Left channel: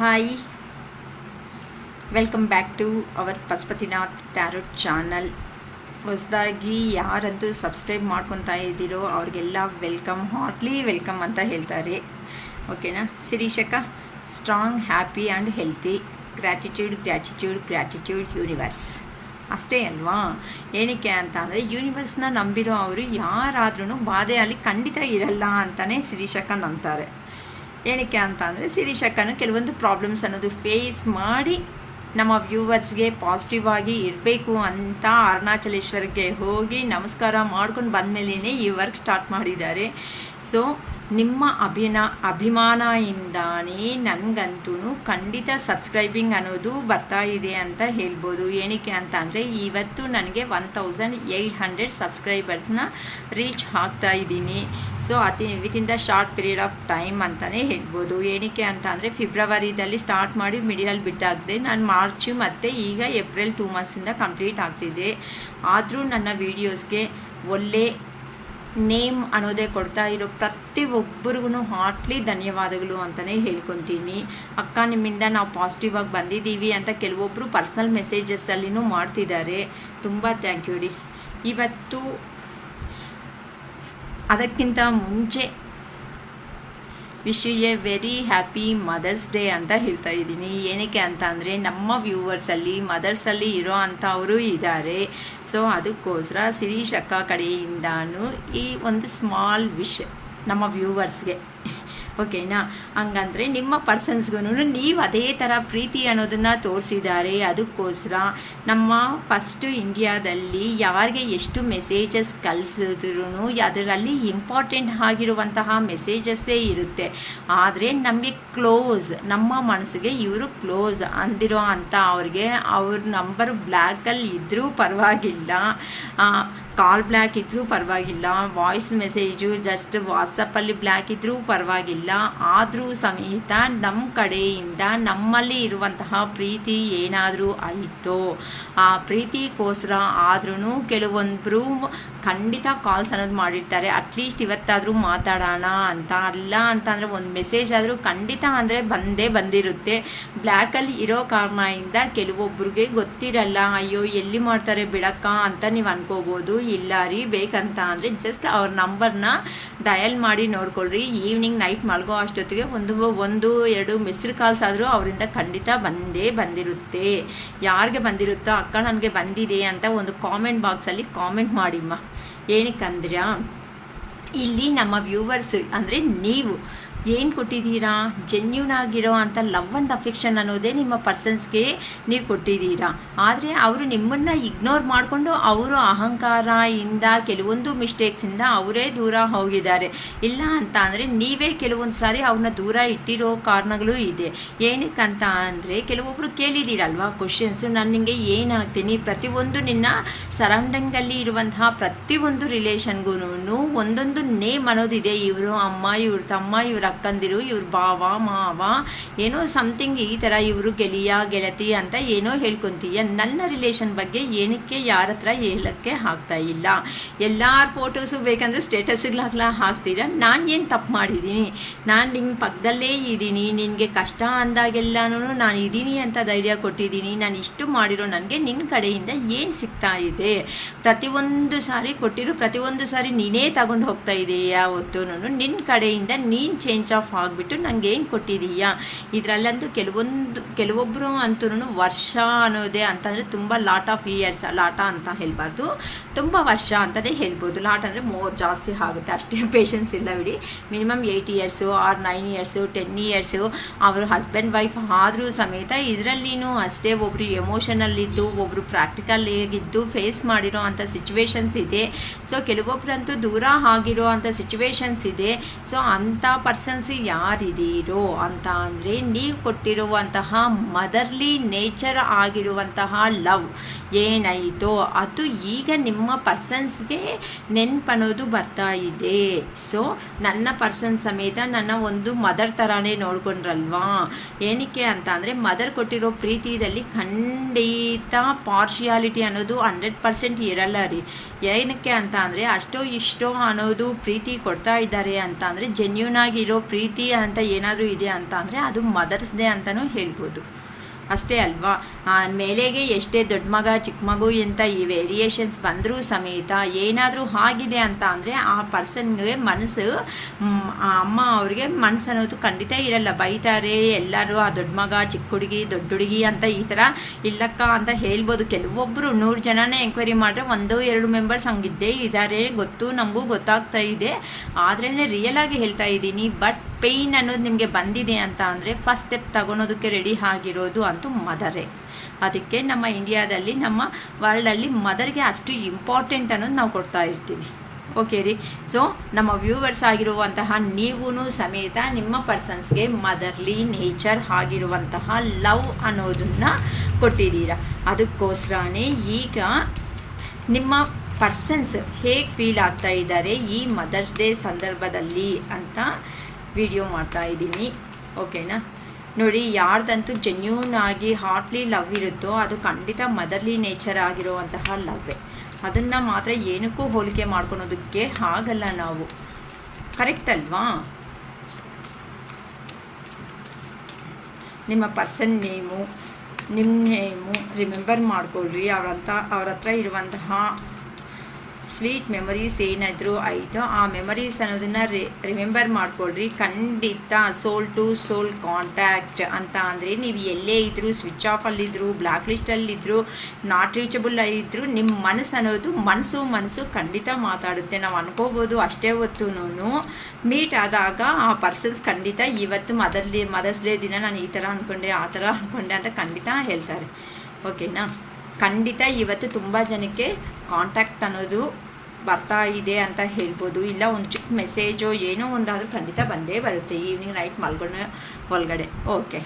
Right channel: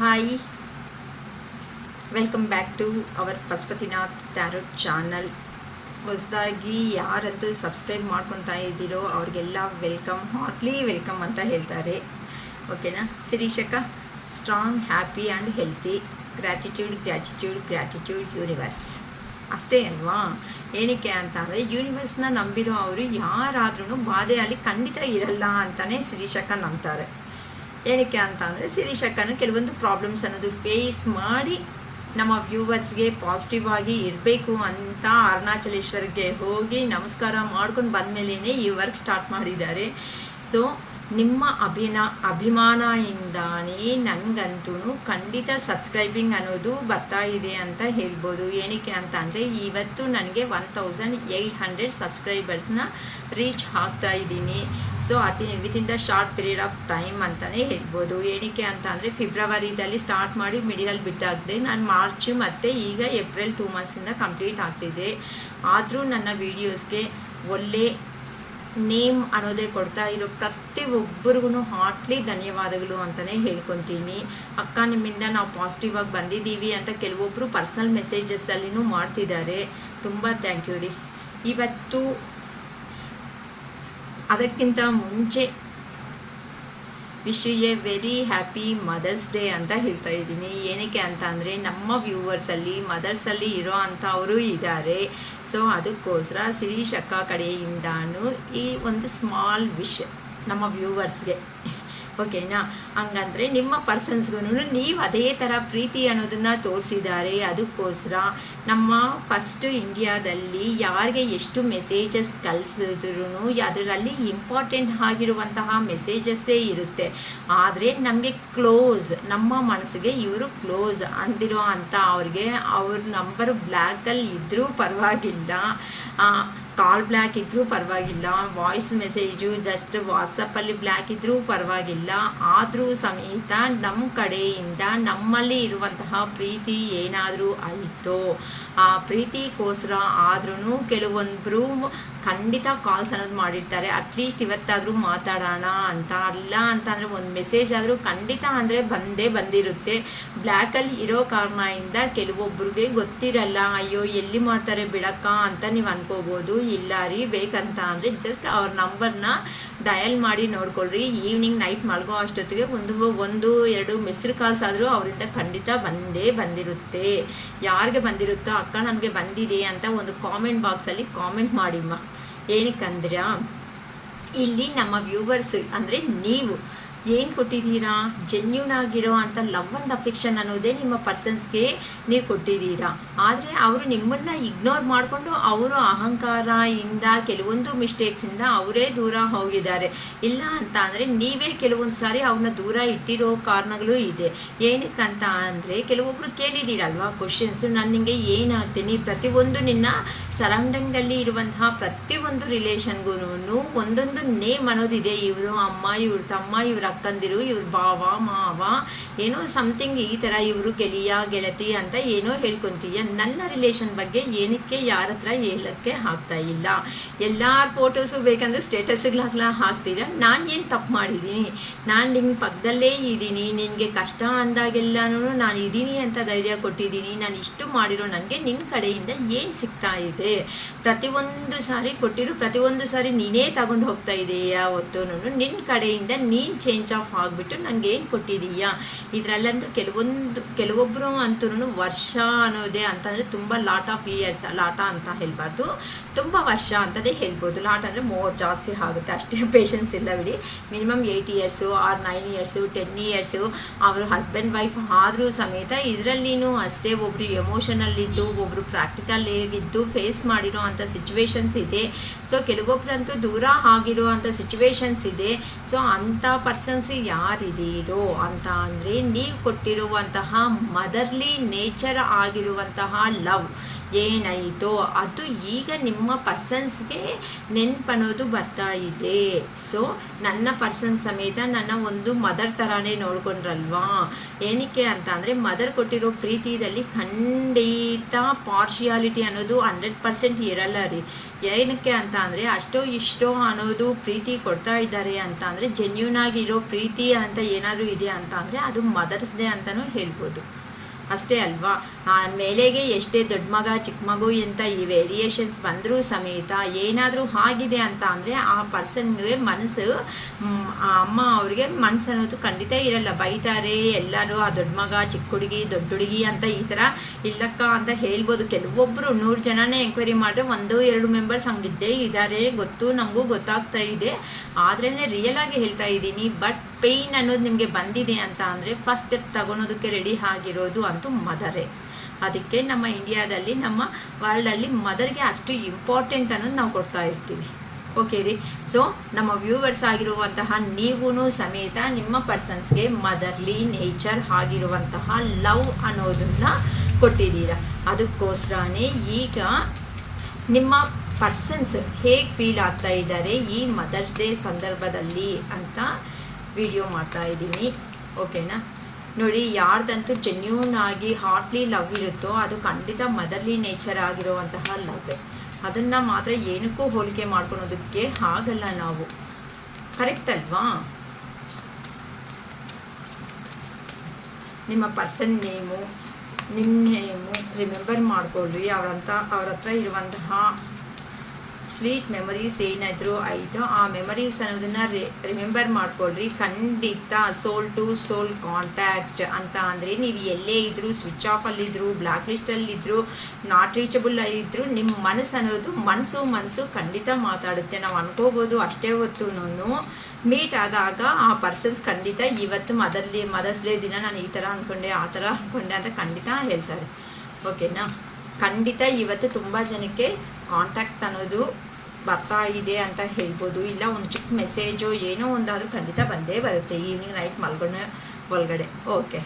Hi, welcome back to our Pashupatinath tarot channel. ಹೊಸದಾಗಿ ಯಾರಂತೂ subscribe ಮಾಡ್ಕೊತಾ ಇದ್ದೀರೋ ಅವ್ರಿಗೆಲ್ಲ ವೆಲ್ಕಮ್, ಹಾರ್ಟ್ಲಿ ವೆಲ್ಕಮ್ ಅಂತ ಹೇಳ್ತಾರೆ. ಓಕೆನಾ? ಶಿರೀಷಕ, strong, happy and healthy, gratitude gratitude gratitude universe. ಅಷ್ಟೇ ಅಲ್ವಾ? ಏನಕ್ಕೆ ಅಂತ ಅಂದರೆ ಯೂನಿವರ್ಸ್ನ ನಂಬಿರೋ ಅವರು ಯಾರಾದ್ರೂ ಬಾಧೆಯಲ್ಲಿ ಖಂಡಿತ ಇರಲ್ಲ ಅಂತಲೇ ಶಿರೀಷಕ ನಂಬ್ತಾರೆ. ಏನಕ್ಕೆ ಅಂತ ಅಂದರೆ ಶಿರೀಷಕ್ಕನು ಕೆಲವೊಂದು ಪ್ರಾಬ್ಲಮ್ಸ್ ಅನ್ನೋದು ಫೇಸ್ ಮಾಡಿ ನಮ್ಮ ವ್ಯೂವರ್ಸ್ಗೆ ಪಾಸಿಟಿವ್ ಆಗಿ ಇರಬೇಕು ಅಂತ ಅರುಣಾಚಲೇಶ್ವರಕ್ಕೆ ಹೋಗಿ ನಮಸ್ಕಾರ ಮಾಡ್ಕೊಂಡು ಬಂದಮೇಲೆ ಈ ವರ್ಕ್ ಸ್ಟಾರ್ಟ್ ಮಾಡಿದ್ದಾರೆ. ಸೊ ನಿಮ್ಮ ಅಭಿಮಾನದಿಂದಾನೇ ನನಗಂತೂ ಖಂಡಿತ ಸಬ್ಸ್ಕ್ರೈಬಿಂಗ್ ಅನ್ನೋದು ಬರ್ತಾ ಇದೆ ಅಂತ ಹೇಳ್ಬೋದು. ಏನಕ್ಕೆ ಅಂತ ಅಂದರೆ ಇವತ್ತು ನನಗೆ 1800 ಸಬ್ಸ್ಕ್ರೈಬರ್ಸ್ನ ರೀಚ್ ಆಗ್ತಾ ಇದ್ದೀನಿ. So within the short period of time ಅಂತಲೇ ಹೇಳ್ಬೋದು. ಏನಕ್ಕೆ ಅಂತ ಅಂದರೆ ಫೆಬ್ರವರಿದಲ್ಲಿ ಸ್ಟಾರ್ಟ್ ಮಾಡಿ ಮಿಡಿಲಲ್ಲಿ ಬಿಟ್ಟಾಗಿದೆ. ನಾನು ಮಾರ್ಚ್ ಮತ್ತು ಈಗ ಏಪ್ರಿಲ್ 2 ಮಂತ್ಸಿಂದ ಕಂಪ್ಲೀಟ್ ಆಗ್ತಿದೆ. ಆದರೂ ನನ್ನ ವೀಡಿಯೋಸ್ಗೆ ಒಳ್ಳೆ ನೇಮ್ ಅನ್ನೋದೇ ಕೊಡ್ತಾ ಇರೋ ಪ್ರತಿಯೊಬ್ಬರಿಗೂ ಹಾರ್ಟ್ಲಿ ಧನ್ಯವಾದಗಳು ಅಂತಲೇ ಹೇಳ್ಕೊತೀನಿ. ಅಕ್ಕ, ನಿಮ್ಮಿಂದ ನಾವು ಪಾಸಿಟಿವ್ ಆಗಿ ಬಂದಿದ್ದೀವಿ ಅಂತ ಕೆಲವೊಬ್ಬರು ಪರ್ಸ್ನಲ್ ಮೆಸೇಜಸ್ಸಲ್ಲಿನೂ ಮಾಡ್ತಿದ್ದಾರೆ. ತುಂಬ ಥ್ಯಾಂಕ್ ಯು ರೀ. ಇವತ್ತು ಅದಕ್ಕಿಂತ ಮುಂಚೆ wish you a very happy mother's day ಅಂತ ಹೇಳ್ತಾ ಇದ್ದೀನಿ. ಏನಕ್ಕೆ ಅಂತ ಅಂದರೆ ನಮ್ಮ ವ್ಯೂವರ್ಸಲ್ಲಿ ಮದರ್ಸಲ್ಲಿ ಇರೋ ಅಂಥವರು ಇದ್ದಾರೆ. ಸೊ ಅದಕ್ಕೋಸ್ಕರ ಶಿರೀಷ್ ಅಕ್ಕ ಕಡೆಯಿಂದಾನು ಈ ಒಂದು ಸ್ಮಾಲ್ ವಿಶ್ ನಮ್ಮ ವ್ಯೂವರ್ಸ್ಗೆ. ಓಕೆನಾ? ಹಂಗಂದರೆ ನಿಮ್ಮ ಪರ್ಸನ್ಸ್ಗೂ ನೀವು ಅದೇ ಥರ ಪ್ರೀತಿ ಅನ್ನೋದನ್ನು ತೋರಿಸಿದ್ದಾರೆ. ಅದಕ್ಕೋಸ್ಕರ ನಮ್ಮ ಫಸ್ಟು ಇಂಡಿಯಾದಲ್ಲಿ ಯಾರಿಗೆ ಎಷ್ಟು ಮೆಸೇಜಸ್ ಕಳಿಸಿದ್ರು ಅದರಲ್ಲಿ ಇಂಪಾರ್ಟೆಂಟ್ ಆಗಿರುವಂತಹ ಮೆಸೇಜಸ್ಸೇ ಇರುತ್ತೆ. ಆದರೆ ನಮಗೆ ಕ್ಲೋಸ್, ನಮ್ಮ ಮನಸ್ಸಿಗೆ ಇವರು ಕ್ಲೋಸ್ ಅಂದಿರೋ ಅಂಥ ಅವ್ರಿಗೆ ಅವ್ರ ನಂಬರು ಬ್ಲ್ಯಾಕಲ್ಲಿ ಇದ್ದರೂ ಪರವಾಗಿಲ್ಲ, ಕಾಲ್ ಬ್ಲ್ಯಾಕ್ ಇದ್ದರೂ ಪರವಾಗಿಲ್ಲ, ವಾಯ್ಸ್ ಮೆಸೇಜು ಜಸ್ಟ್ ವಾಟ್ಸಪ್ಪಲ್ಲಿ ಬ್ಲ್ಯಾಕ್ ಇದ್ದರೂ ಪರವಾಗಿಲ್ಲ, ಆದರೂ ಸಮೇತ ನಮ್ಮ ಕಡೆಯಿಂದ ನಮ್ಮಲ್ಲಿ ಇರುವಂತಹ ಪ್ರೀತಿ ಏನಾದರೂ ಆಯಿತು, ಆ ಪ್ರೀತಿಗೋಸ್ಕರ ಆದ್ರೂ ಕೆಲವೊಬ್ಬರು ಖಂಡಿತ ಕಾಲ್ಸ್ ಅನ್ನೋದು ಮಾಡಿರ್ತಾರೆ. ಅಟ್ಲೀಸ್ಟ್ ಇವತ್ತಾದರೂ ಮಾತಾಡೋಣ ಅಂತ. ಅಲ್ಲ ಅಂತಂದರೆ ಒಂದು ಮೆಸೇಜ್ ಆದರೂ ಖಂಡಿತ ಅಂದರೆ ಬಂದಿರುತ್ತೆ. ಬ್ಲ್ಯಾಕಲ್ಲಿ ಇರೋ ಕಾರಣದಿಂದ ಕೆಲವೊಬ್ರಿಗೆ ಗೊತ್ತಿರಲ್ಲ, ಅಯ್ಯೋ ಎಲ್ಲಿ ಮಾಡ್ತಾರೆ ಬಿಡಕ್ಕ ಅಂತ ನೀವು ಅನ್ಕೋಬೋದು. ಇಲ್ಲ ರೀ, ಬೇಕಂತ ಅಂದರೆ ಜಸ್ಟ್ ಅವ್ರ ನಂಬರ್ನ ಡಯಲ್ ಮಾಡಿ ನೋಡ್ಕೊಳ್ರಿ. ಈವ್ನಿಂಗ್ ನೈಟ್ ಮಲಗೋ ಅಷ್ಟೊತ್ತಿಗೆ ಒಂದು 2 ಮಿಸ್ಡ್ ಕಾಲ್ಸ್ ಆದರೂ ಅವರಿಂದ ಖಂಡಿತ ಬಂದಿರುತ್ತೆ. ಯಾರಿಗೆ ಬಂದಿರುತ್ತೋ ಅಕ್ಕ ನನಗೆ ಬಂದಿದೆ ಅಂತ ಒಂದು ಕಾಮೆಂಟ್ ಬಾಕ್ಸಲ್ಲಿ ಕಾಮೆಂಟ್ ಮಾಡಿಮ್ಮ. ಏನಕ್ಕಂದ್ರೆ ಇಲ್ಲಿ ನಮ್ಮ ವ್ಯೂವರ್ಸ್ ಅಂದರೆ ನೀವು ಏನು ಕೊಟ್ಟಿದ್ದೀರಾ, ಜೆನ್ಯೂನ್ ಆಗಿರೋ ಅಂಥ ಲವ್ ಆ್ಯಂಡ್ ಅಫೆಕ್ಷನ್ ಅನ್ನೋದೇ ನಿಮ್ಮ ಪರ್ಸನ್ಸ್ಗೆ ನೀವು ಕೊಟ್ಟಿದ್ದೀರಾ. ಆದರೆ ಅವರು ನಿಮ್ಮನ್ನು ಇಗ್ನೋರ್ ಮಾಡಿಕೊಂಡು ಅವರು ಅಹಂಕಾರದಿಂದ ಕೆಲವೊಂದು ಮಿಸ್ಟೇಕ್ಸಿಂದ ಅವರೇ ದೂರ ಹೋಗಿದ್ದಾರೆ. ಇಲ್ಲ ಅಂತ ಅಂದರೆ ನೀವೇ ಕೆಲವೊಂದು ಸಾರಿ ಅವ್ರನ್ನ ದೂರ ಇಟ್ಟಿರೋ ಕಾರಣಗಳು ಇದೆ. ಏನಕ್ಕಂತ ಅಂದರೆ ಕೆಲವೊಬ್ಬರು ಕೇಳಿದ್ದೀರಲ್ವಾ ಕ್ವಶನ್ಸು, ನಾನು ನಿಮಗೆ ಏನಾಗ್ತೀನಿ, ಪ್ರತಿಯೊಂದು ನಿನ್ನ ಸರೌಂಡಿಂಗಲ್ಲಿ ಇರುವಂತಹ ಪ್ರತಿಯೊಂದು ರಿಲೇಷನ್ಗೂ ಒಂದೊಂದು ನೇಮ್ ಅನ್ನೋದಿದೆ. ಇವರು ಅಮ್ಮ, ಇವ್ರ ತಮ್ಮ, ಇವ್ರ ಅಕ್ಕಂದಿರು, ಇವ್ರ ಭಾವ ಮಾವ, ಏನೋ ಸಮಥಿಂಗ್ ಈ ಥರ, ಇವರು ಗೆಳತಿ ಅಂತ ಏನೋ ಹೇಳ್ಕೊಂತೀಯ. ನನ್ನ ರಿಲೇಷನ್ ಬಗ್ಗೆ ಏನಕ್ಕೆ ಯಾರ ಹತ್ರ ಹೇಳಕ್ಕೆ ಆಗ್ತಾ ಇಲ್ಲ. ಎಲ್ಲರ ಫೋಟೋಸು ಬೇಕಂದ್ರೆ ಸ್ಟೇಟಸ್ಗಳಾಗ್ಲ ಹಾಕ್ತೀರಾ. ನಾನು ಏನು ತಪ್ಪು ಮಾಡಿದ್ದೀನಿ? ನಾನು ನಿನ್ನ ಪಕ್ಕದಲ್ಲೇ ಇದ್ದೀನಿ, ನಿನಗೆ ಕಷ್ಟ ಅಂದಾಗೆಲ್ಲನೂ ನಾನು ಇದ್ದೀನಿ ಅಂತ ಧೈರ್ಯ ಕೊಟ್ಟಿದ್ದೀನಿ. ನಾನು ಇಷ್ಟು ಮಾಡಿರೋ ನನಗೆ ನಿನ್ನ ಕಡೆಯಿಂದ ಏನು ಸಿಗ್ತಾ ಇದೆ? ಪ್ರತಿಯೊಂದು ಸಾರಿ ಕೊಟ್ಟಿರೋ ಪ್ರತಿಯೊಂದು ಸಾರಿ ನೀನೇ ತಗೊಂಡು ಹೋಗ್ತಾ ಇದೆಯಾ? ಯಾವತ್ತೂ ನಿನ್ನ ಕಡೆಯಿಂದ ನೀನು ಚೇಂಜ್ ಆಫ್ ಆಗಿಬಿಟ್ಟು ನನಗೆ ಏನು ಕೊಟ್ಟಿದೀಯಾ? ಇದರಲ್ಲಂತೂ ಕೆಲವೊಬ್ಬರು ಅಂತೂ ವರ್ಷ ಅನ್ನೋದೇ ಅಂತಂದರೆ ತುಂಬ ಲಾಟ್ ಆಫ್ ಇಯರ್ಸ್, ಲಾಟ ಅಂತ ಹೇಳಬಾರ್ದು, ತುಂಬ ವರ್ಷ ಅಂತಲೇ ಹೇಳ್ಬೋದು. ಲಾಟ್ ಅಂದರೆ ಮೋರ್ ಜಾಸ್ತಿ ಆಗುತ್ತೆ, ಅಷ್ಟೇ ಪೇಷನ್ಸ್ ಇಲ್ಲ ಬಿಡಿ. Minimum 8 years or 9 years 10 years ಅವರು ಹಸ್ಬೆಂಡ್ ವೈಫ್ ಆದರೂ ಸಮೇತ ಇದರಲ್ಲಿನೂ ಅಷ್ಟೇ ಒಬ್ಬರು ಎಮೋಷನಲ್ಲಿದ್ದು ಒಬ್ಬರು ಪ್ರಾಕ್ಟಿಕಲ್ ಆಗಿದ್ದು ಫೇಸ್ ಮಾಡಿರೋ ಅಂಥ ಸಿಚುವೇಶನ್ಸ್ ಇದೆ. ಸೊ ಕೆಲವೊಬ್ಬರಂತೂ ದೂರ ಆಗಿರೋ ಅಂಥ ಸಿಚುವೇಶನ್ಸ್ ಇದೆ. ಸೊ ಅಂಥ ಪರ್ಸನ್ಸ್ ಯಾರಿದ್ದೀರೋ ಅಂತ ಅಂದರೆ ನೀವು ಕೊಟ್ಟಿರುವಂತಹ ಮದರ್ಲಿ ನೇಚರ್ ಆಗಿರುವಂತಹ ಲವ್ ಏನಾಯಿತೋ ಅದು ಈಗ ನಿಮ್ಮ ಪರ್ಸನ್ಸ್ಗೆ ನೆನಪನ್ನೋದು ಬರ್ತಾ ಇದೆ. ಸೊ ನನ್ನ ಪರ್ಸನ್ ಸಮೇತ ನನ್ನ ಒಂದು ಮದರ್ ಥರನೇ ನೋಡ್ಕೊಂಡ್ರಲ್ವಾ. ಏನಕ್ಕೆ ಅಂತ ಅಂದರೆ ಮದರ್ ಕೊಟ್ಟಿರೋ ಪ್ರೀತಿಯಲ್ಲಿ ಖಂಡಿತ ಪಾರ್ಶಿಯಾಲಿಟಿ ಅನ್ನೋದು 100% ಇರಲ್ಲ ರೀ. ಏನಕ್ಕೆ ಅಂತ ಅಂದರೆ ಅಷ್ಟೋ ಇಷ್ಟೋ ಅನ್ನೋದು ಪ್ರೀತಿ ಕೊಡ್ತಾ ಇದ್ದಾರೆ ಅಂತ ಅಂದರೆ ಜೆನ್ಯೂನ್ ಆಗಿರೋ ಇರೋ ಪ್ರೀತಿ ಅಂತ ಏನಾದರೂ ಇದೆ ಅಂತ ಅಂದರೆ ಅದು ಮದರ್ಸ್ ಡೇ ಅಂತಲೂ ಹೇಳ್ಬೋದು. ಅಷ್ಟೇ ಅಲ್ವಾ. ಮೇಲೆಗೆ ಎಷ್ಟೇ ದೊಡ್ಡ ಮಗ ಚಿಕ್ಕ ಮಗು ಅಂತ ಈ ವೇರಿಯೇಷನ್ಸ್ ಬಂದರೂ ಸಮೇತ ಏನಾದರೂ ಆಗಿದೆ ಅಂತ ಅಂದರೆ ಆ ಪರ್ಸನ್ಗೆ ಮನಸ್ಸು, ಅಮ್ಮ ಅವ್ರಿಗೆ ಮನಸ್ಸು ಅನ್ನೋದು ಖಂಡಿತ ಇರಲ್ಲ. ಬೈತಾರೆ ಎಲ್ಲರೂ, ಆ ದೊಡ್ಡ ಮಗ ಚಿಕ್ಕ ಹುಡುಗಿ ದೊಡ್ಡ ಹುಡುಗಿ ಅಂತ ಈ ಥರ ಇಲ್ಲಕ್ಕ ಅಂತ ಹೇಳ್ಬೋದು. ಕೆಲವೊಬ್ಬರು 100 ಜನನೇ ಎಂಕ್ವೈರಿ ಮಾಡಿದ್ರೆ 1-2 ಮೆಂಬರ್ಸ್ ಹಂಗಿದ್ದೇ ಇದ್ದಾರೆ, ಗೊತ್ತು, ನಮಗೂ ಗೊತ್ತಾಗ್ತಾ ಇದೆ. ಆದ್ರೇ ರಿಯಲ್ ಆಗಿ ಹೇಳ್ತಾ ಇದ್ದೀನಿ. ಬಟ್ ಪೇಯ್ನ್ ಅನ್ನೋದು ನಿಮಗೆ ಬಂದಿದೆ ಅಂತ ಅಂದರೆ ಫಸ್ಟ್ ಸ್ಟೆಪ್ ತಗೊಳೋದಕ್ಕೆ ರೆಡಿ ಆಗಿರೋದು ಅಂತೂ ಮದರೇ. ಅದಕ್ಕೆ ನಮ್ಮ ಇಂಡಿಯಾದಲ್ಲಿ, ನಮ್ಮ ವರ್ಲ್ಡಲ್ಲಿ ಮದರ್ಗೆ ಅಷ್ಟು ಇಂಪಾರ್ಟೆಂಟ್ ಅನ್ನೋದು ನಾವು ಕೊಡ್ತಾ ಇರ್ತೀವಿ. ಓಕೆ ರೀ. ಸೊ ನಮ್ಮ ವ್ಯೂವರ್ಸ್ ಆಗಿರುವಂತಹ ನೀವೂ ಸಮೇತ ನಿಮ್ಮ ಪರ್ಸನ್ಸ್ಗೆ ಮದರ್ಲಿ ನೇಚರ್ ಆಗಿರುವಂತಹ ಲವ್ ಅನ್ನೋದನ್ನ ಕೊಟ್ಟಿದ್ದೀರ. ಅದಕ್ಕೋಸ್ಕರನೇ ಈಗ ನಿಮ್ಮ ಪರ್ಸನ್ಸ್ ಹೇಗೆ ಫೀಲ್ ಆಗ್ತಾ ಇದ್ದಾರೆ ಈ ಮದರ್ಸ್ ಡೇ ಸಂದರ್ಭದಲ್ಲಿ ಅಂತ ವಿಡಿಯೋ ಮಾಡ್ತಾ ಇದ್ದೀನಿ. ಓಕೆನಾ. ನೋಡಿ, ಯಾರ್ದಂತೂ ಜೆನ್ಯೂನ್ ಆಗಿ ಹಾರ್ಟ್ಲಿ ಲವ್ ಇರುತ್ತೋ ಅದು ಖಂಡಿತ ಮದರ್ಲಿ ನೇಚರ್ ಆಗಿರುವಂತಹ ಲವ್ವೇ. ಅದನ್ನು ಮಾತ್ರ ಏನಕ್ಕೂ ಹೋಲಿಕೆ ಮಾಡ್ಕೊಳೋದಕ್ಕೆ ಆಗಲ್ಲ ನಾವು. ಕರೆಕ್ಟ್ ಅಲ್ವಾ? ನಿಮ್ಮ ಪರ್ಸನ್ ನೇಮು, ನಿಮ್ಮ ನೇಮು ರಿಮೆಂಬರ್ ಮಾಡ್ಕೊಳ್ರಿ. ಅವ್ರ ಹತ್ರ ಇರುವಂತಹ ಸ್ವೀಟ್ ಮೆಮೊರೀಸ್ ಏನಾದರೂ ಆಯಿತು, ಆ ಮೆಮೊರೀಸ್ ಅನ್ನೋದನ್ನ ರಿಮೆಂಬರ್ ಮಾಡ್ಕೊಳ್ರಿ. ಖಂಡಿತ ಸೋಲ್ ಟು ಸೋಲ್ ಕಾಂಟ್ಯಾಕ್ಟ್ ಅಂತ ಅಂದರೆ ನೀವು ಎಲ್ಲೇ ಇದ್ದರೂ, ಸ್ವಿಚ್ ಆಫಲ್ಲಿದ್ದರು, ಬ್ಲ್ಯಾಕ್ ಲಿಸ್ಟಲ್ಲಿದ್ದರು, ನಾಟ್ ರೀಚಬಲ್ ಇದ್ದರೂ, ನಿಮ್ಮ ಮನಸ್ಸು ಅನ್ನೋದು ಮನಸ್ಸು ಖಂಡಿತ ಮಾತಾಡುತ್ತೆ. ನಾವು ಅನ್ಕೋಬೋದು ಅಷ್ಟೇ ಹೊತ್ತು ಮೀಟ್ ಆದಾಗ ಆ ಪರ್ಸನ್ಸ್ ಖಂಡಿತ ಇವತ್ತು ಮದರ್ಸ್ ಡೇ ದಿನ ನಾನು ಈ ಥರ ಅಂದ್ಕೊಂಡೆ, ಆ ಥರ ಅಂದ್ಕೊಂಡೆ ಅಂತ ಖಂಡಿತ ಹೇಳ್ತಾರೆ. ಓಕೆನಾ. ಖಂಡಿತ ಇವತ್ತು ತುಂಬ ಜನಕ್ಕೆ ಕಾಂಟ್ಯಾಕ್ಟ್ ಅನ್ನೋದು ಬರ್ತಾ ಇದೆ ಅಂತ ಹೇಳ್ಬೋದು. ಇಲ್ಲ ಒಂದು ಚಿಕ್ಕ ಮೆಸೇಜೋ ಏನೋ ಒಂದಾದರೂ ಖಂಡಿತ ಬಂದೇ ಬರುತ್ತೆ ಈವ್ನಿಂಗ್ ನೈಟ್ ಮಲ್ಗೋಣ ಒಳಗಡೆ. ಓಕೆ,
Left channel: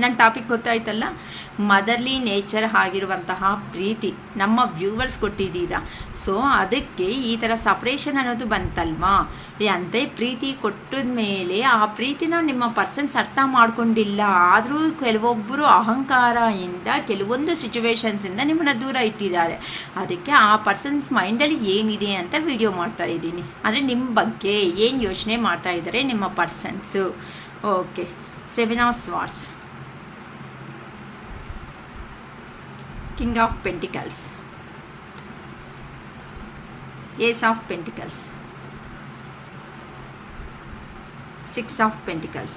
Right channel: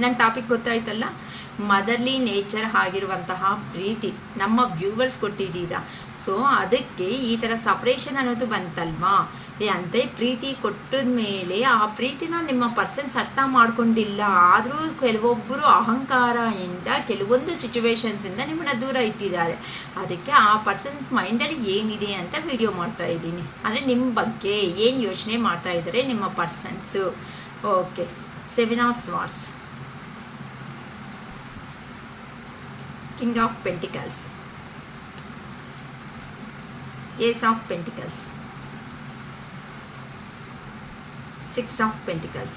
ನನ್ನ ಟಾಪಿಕ್ ಗೊತ್ತಾಯ್ತಲ್ಲ. ಮದರ್ಲಿ ನೇಚರ್ ಆಗಿರುವಂತಹ ಪ್ರೀತಿ ನಮ್ಮ ವ್ಯೂವರ್ಸ್ ಕೊಟ್ಟಿದ್ದೀರಾ. ಸೊ ಅದಕ್ಕೆ ಈ ಥರ ಸಪ್ರೇಷನ್ ಅನ್ನೋದು ಬಂತಲ್ವಾ. ಅಂತೆ ಪ್ರೀತಿ ಕೊಟ್ಟಿದ ಮೇಲೆ ಆ ಪ್ರೀತಿನ ನಿಮ್ಮ ಪರ್ಸನ್ಸ್ ಅರ್ಥ ಮಾಡ್ಕೊಂಡಿಲ್ಲ. ಆದರೂ ಕೆಲವೊಬ್ಬರು ಅಹಂಕಾರದಿಂದ ಕೆಲವೊಂದು ಸಿಚುವೇಶನ್ಸಿಂದ ನಿಮ್ಮನ್ನ ದೂರ ಇಟ್ಟಿದ್ದಾರೆ. ಅದಕ್ಕೆ ಆ ಪರ್ಸನ್ಸ್ ಮೈಂಡಲ್ಲಿ ಏನಿದೆ ಅಂತ ವಿಡಿಯೋ ಮಾಡ್ತಾ ಇದ್ದೀನಿ. ಅಂದರೆ ನಿಮ್ಮ ಬಗ್ಗೆ ಏನು ಯೋಚನೆ ಮಾಡ್ತಾ ಇದ್ದಾರೆ ನಿಮ್ಮ persons. Okay, 7 of Swords, King of Pentacles, Ace of Pentacles, 6 of Pentacles,